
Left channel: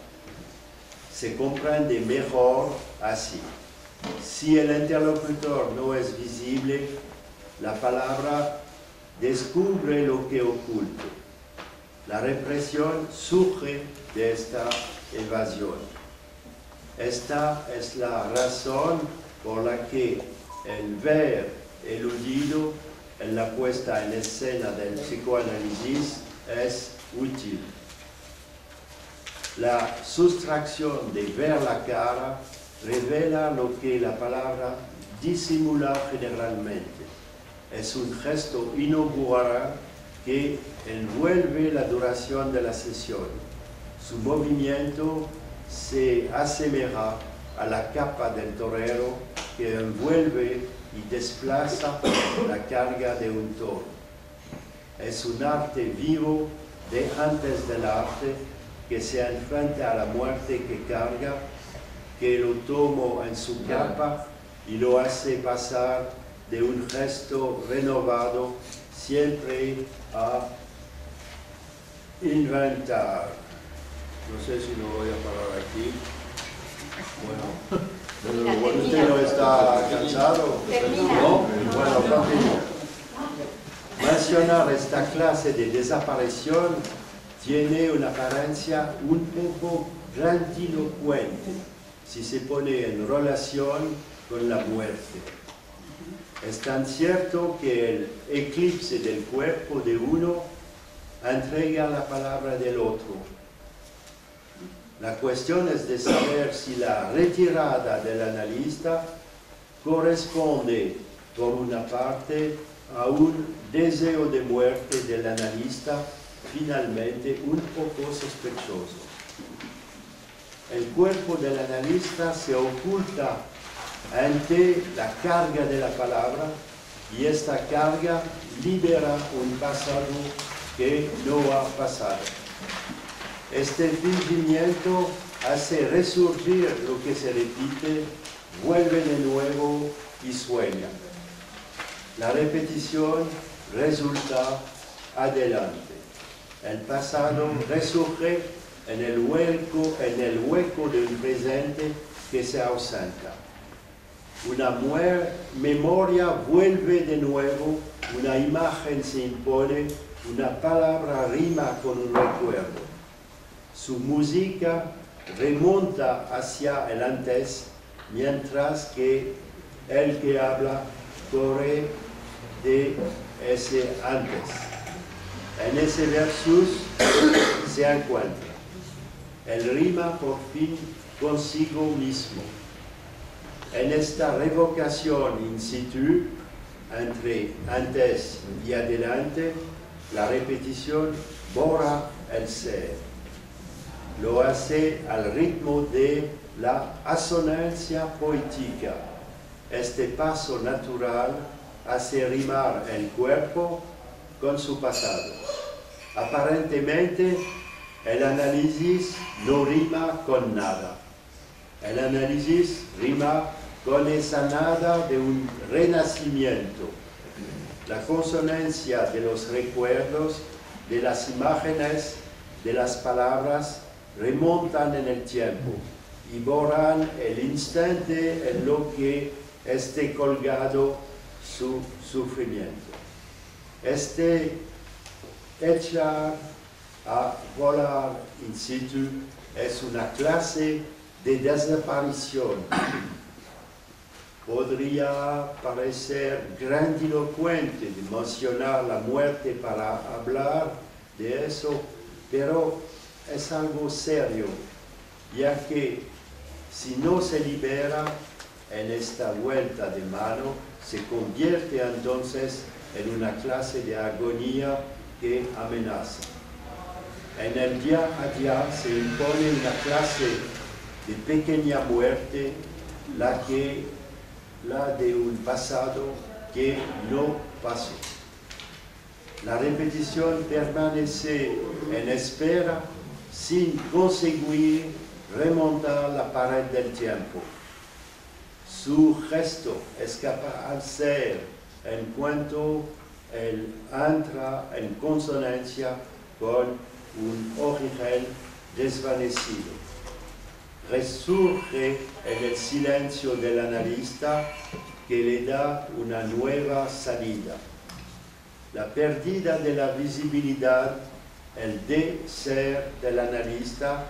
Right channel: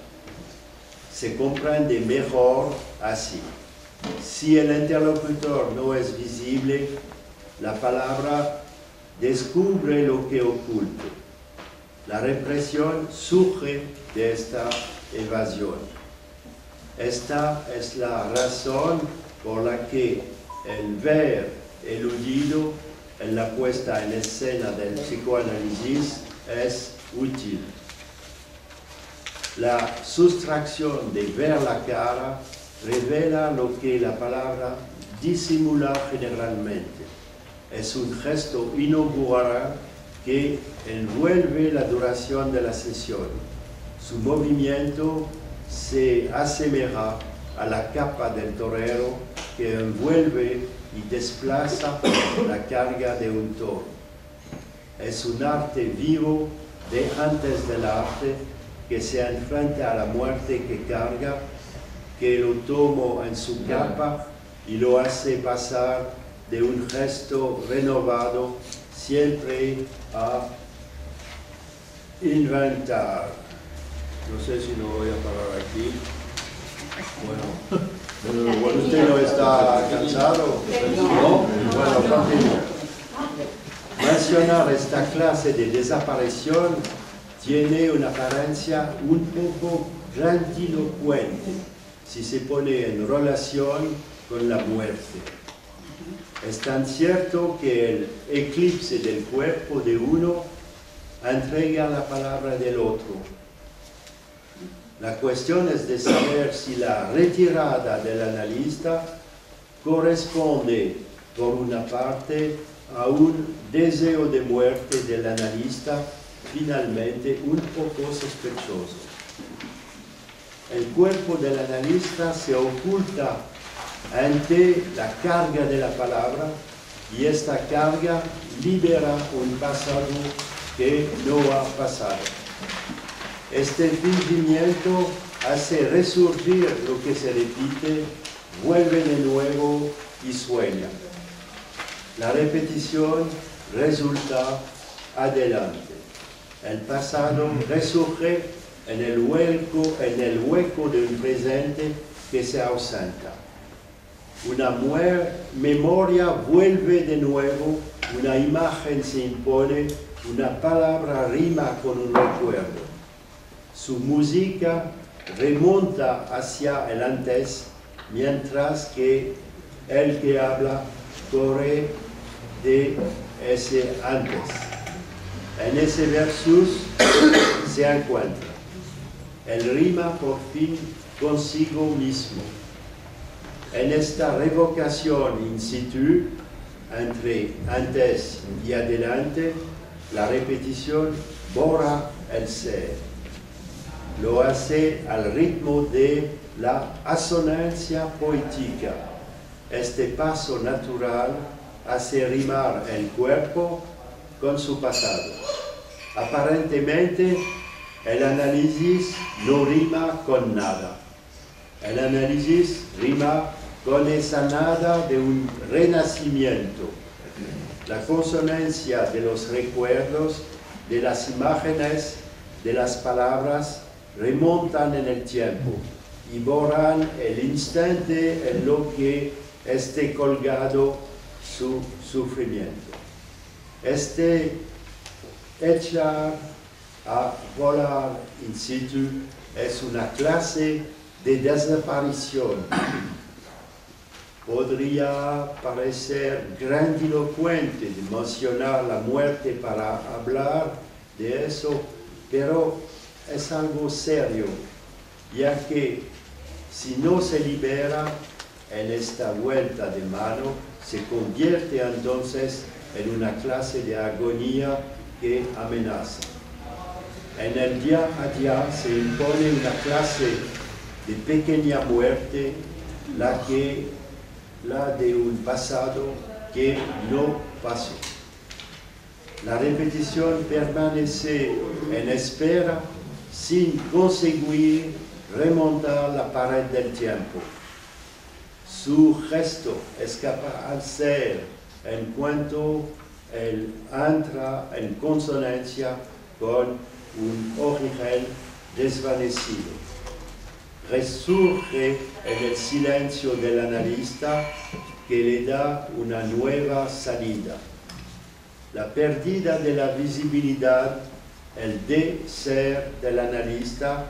Se comprende mejor así. Si el interlocutor no es visible, la palabra descubre lo que oculta. La represión surge de esta evasión. Esta es la razón por la que el ver eludido en la puesta en escena del psicoanálisis es útil. La sustracción de ver la cara revela lo que la palabra disimula generalmente. Es un gesto inaugural que envuelve la duración de la sesión. Su movimiento se asemeja a la capa del torero que envuelve y desplaza la carga de un toro. Es un arte vivo de antes del arte que se enfrenta a la muerte que carga, que lo toma en su capa y lo hace pasar de un gesto renovado siempre a inventar. No sé si lo voy a parar aquí. Bueno, ¿usted no está cansado? ¿No? Bueno, continúo. Mencionar esta clase de desaparición tiene una apariencia un poco grandilocuente si se pone en relación con la muerte. Es tan cierto que el eclipse del cuerpo de uno entrega la palabra del otro. La cuestión es de saber si la retirada del analista corresponde, por una parte, a un deseo de muerte del analista finalmente un poco sospechoso. El cuerpo del analista se oculta ante la carga de la palabra y esta carga libera un pasado que no ha pasado. Este fingimiento hace resurgir lo que se repite, vuelve de nuevo y sueña. La repetición resulta adelante. El pasado resurge en el hueco de un presente que se ausenta. Una memoria vuelve de nuevo, una imagen se impone, una palabra rima con un recuerdo. Su música remonta hacia el antes, mientras que el que habla corre de ese antes. En ese versus se encuentra. Él rima por fin consigo mismo. En esta revocación in situ, entre antes y adelante, la repetición borra el ser. Lo hace al ritmo de la asonancia poética. Este paso natural hace rimar el cuerpo con su pasado. Aparentemente, el análisis no rima con nada. El análisis rima con esa nada de un renacimiento. La consonancia de los recuerdos, de las imágenes, de las palabras, remontan en el tiempo y borran el instante en lo que esté colgado su sufrimiento. Este echar a volar in situ es una clase de desaparición. Podría parecer grandilocuente de mencionar la muerte para hablar de eso, pero es algo serio, ya que si no se libera en esta vuelta de mano, se convierte entonces en una clase de agonía que amenaza. En el día a día se impone una clase de pequeña muerte, la de un pasado que no pasó. La repetición permanece en espera sin conseguir remontar la pared del tiempo. Su gesto escapa al ser en cuanto él entra en consonancia con un origen desvanecido. Resurge en el silencio del analista que le da una nueva salida. La pérdida de la visibilidad, el de ser del analista,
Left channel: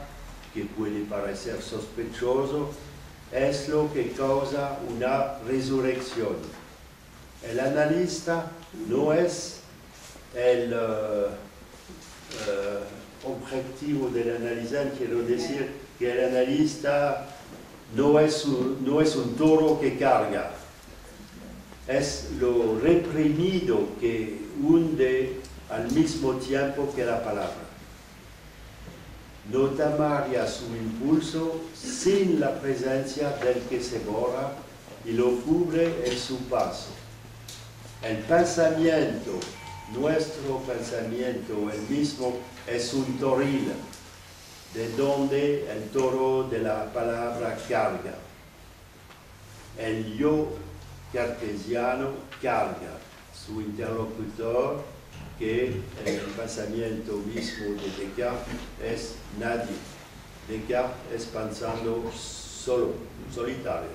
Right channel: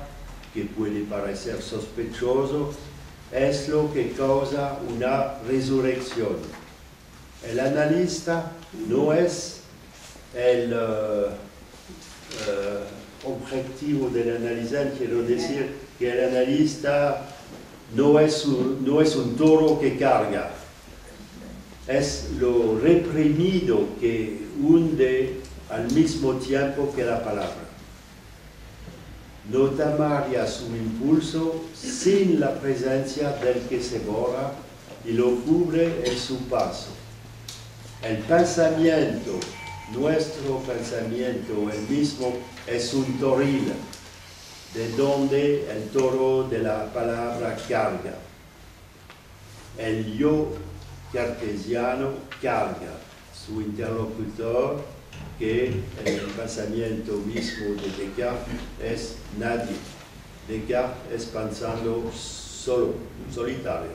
que puede parecer sospechoso, es lo que causa una resurrección. El analista no es el objetivo del analizante, quiero decir que el analista no es un toro que carga, es lo reprimido que hunde al mismo tiempo que la palabra. No tomaría su impulso sin la presencia del que se borra y lo cubre en su paso. El pensamiento, nuestro pensamiento, el mismo, es un toril, de donde el toro de la palabra carga. El yo cartesiano carga su interlocutor, que en el pensamiento mismo de Descartes es nadie. Descartes es pensando solo, solitario,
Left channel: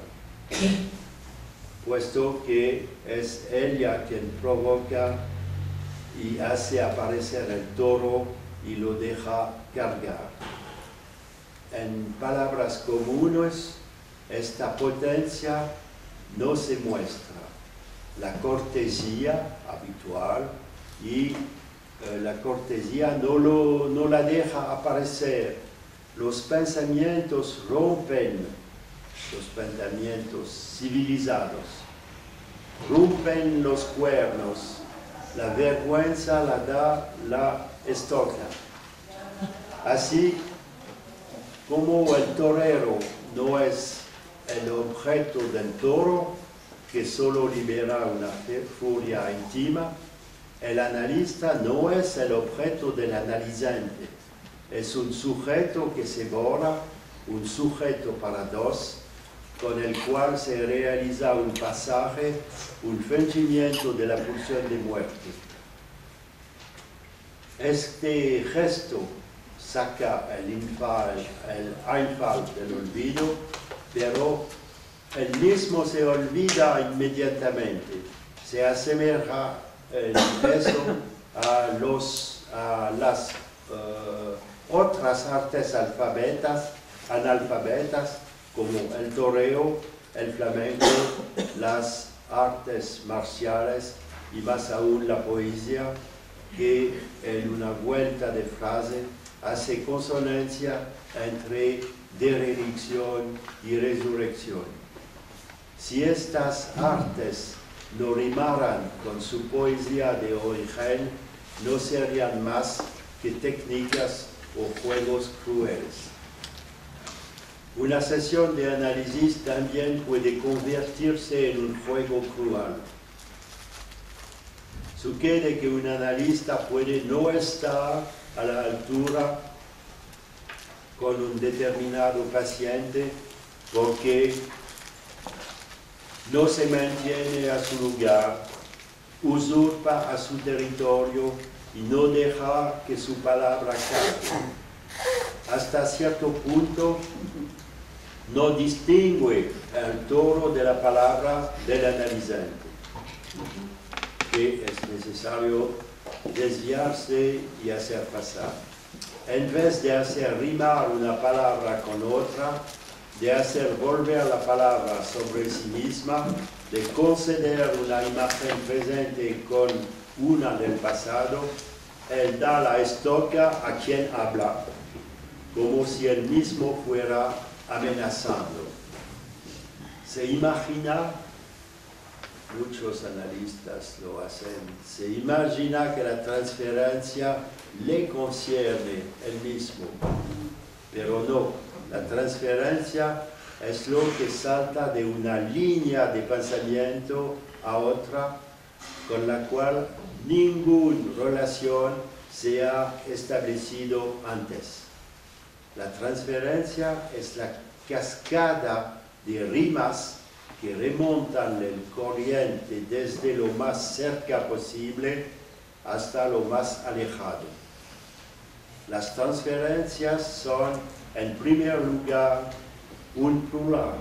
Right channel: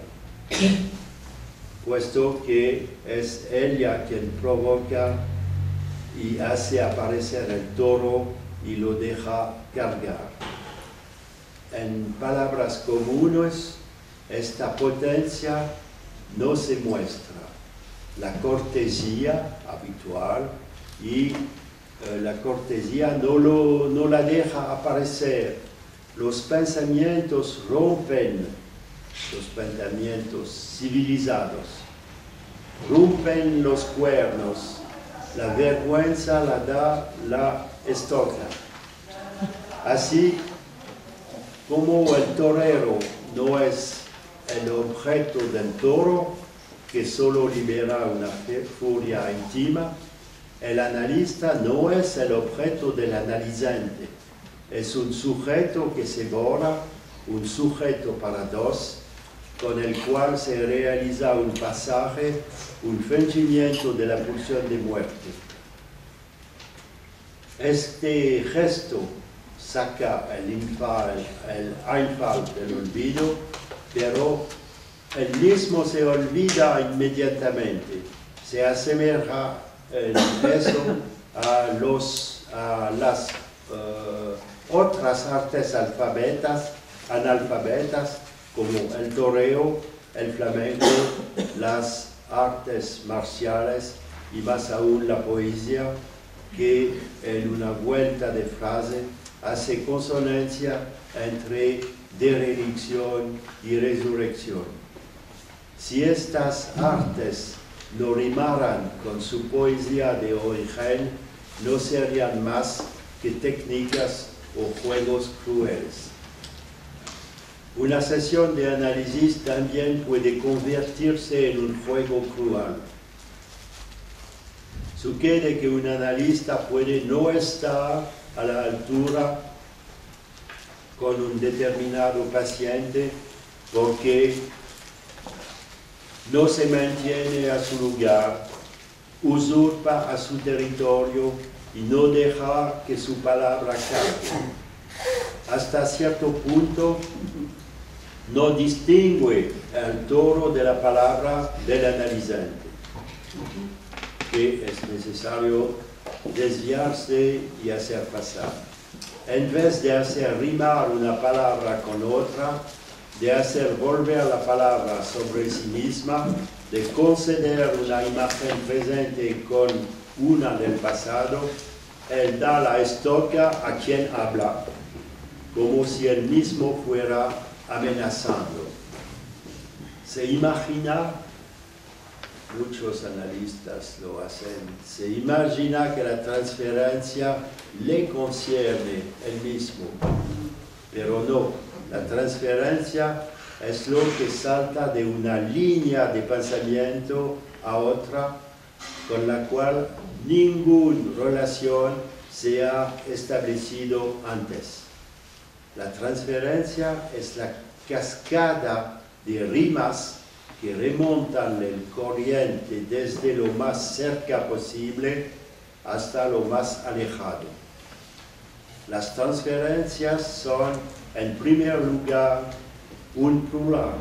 puesto que es ella quien provoca y hace aparecer el toro y lo deja cargar. En palabras comunes, esta potencia no se muestra. La cortesía habitual y la cortesía no la deja aparecer. Los pensamientos rompen, los pensamientos civilizados, rompen los cuernos, la vergüenza la da la estoca. Así como el torero no es el objeto del toro, que solo libera una furia íntima, el analista no es el objeto del analizante, es un sujeto que se borra, un sujeto para dos, con el cual se realiza un pasaje, un fingimiento de la pulsión de muerte. Este gesto saca el Einfall del olvido, pero el mismo se olvida inmediatamente, se asemeja el peso a las otras artes analfabetas, como el toreo, el flamenco, las artes marciales y más aún la poesía, que en una vuelta de frase hace consonancia entre derelición y resurrección. Si estas artes no rimaran con su poesía de origen, no serían más que técnicas o juegos crueles. Una sesión de análisis también puede convertirse en un juego cruel. Sucede que un analista puede no estar a la altura con un determinado paciente porque no se mantiene a su lugar, usurpa a su territorio y no deja que su palabra cargue. Hasta cierto punto no distingue el toro de la palabra del analizante, que es necesario desviarse y hacer pasar. En vez de hacer rimar una palabra con otra, de hacer volver la palabra sobre sí misma, de conceder una imagen presente con una del pasado, él da la estoca a quien habla, como si él mismo fuera amenazando. Se imagina, muchos analistas lo hacen, se imagina que la transferencia le concierne él mismo, pero no. La transferencia es lo que salta de una línea de pensamiento a otra, con la cual ninguna relación se ha establecido antes. La transferencia es la cascada de rimas que remontan el corriente desde lo más cerca posible hasta lo más alejado. Las transferencias son, en primer lugar, un plural,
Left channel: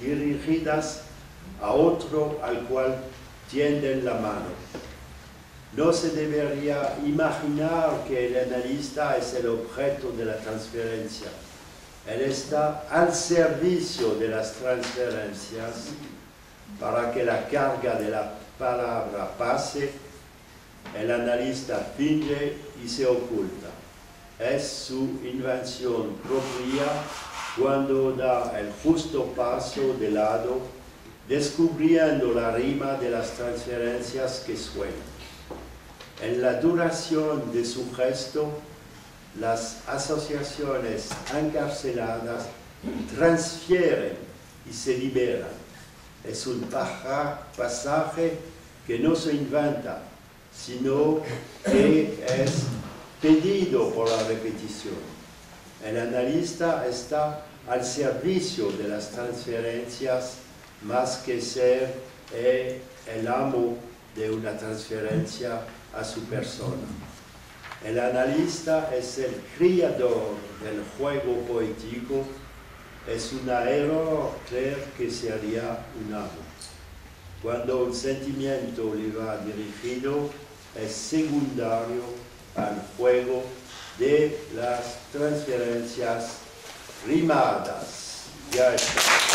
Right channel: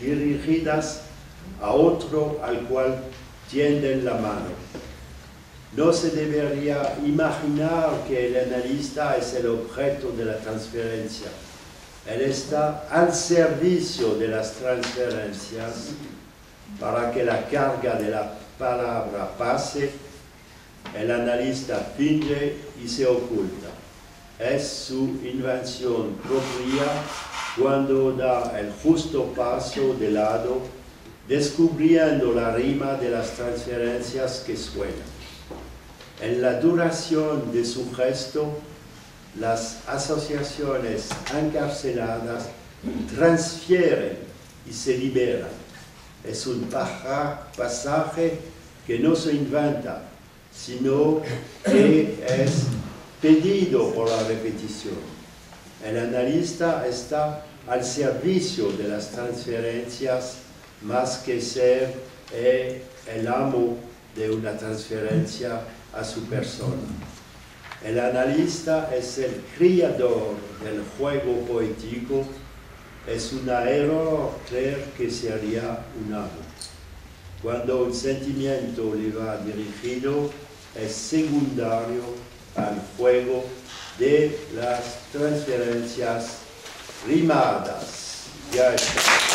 dirigidas a otro al cual tienden la mano. No se debería imaginar que el analista es el objeto de la transferencia. Él está al servicio de las transferencias para que la carga de la palabra pase. El analista finge y se oculta. es su invención propia cuando da el justo paso de lado, descubriendo la rima de las transferencias que suenan. En la duración de su gesto, las asociaciones encarceladas transfieren y se liberan. Es un pasaje que no se inventa, sino que es pedido por la repetición. El analista está al servicio de las transferencias más que ser el amo de una transferencia a su persona. El analista es el creador del juego poético. Es un error creer que sería un amo. Cuando un sentimiento le va dirigido, es secundario al juego de las transferencias rimadas. Ya está.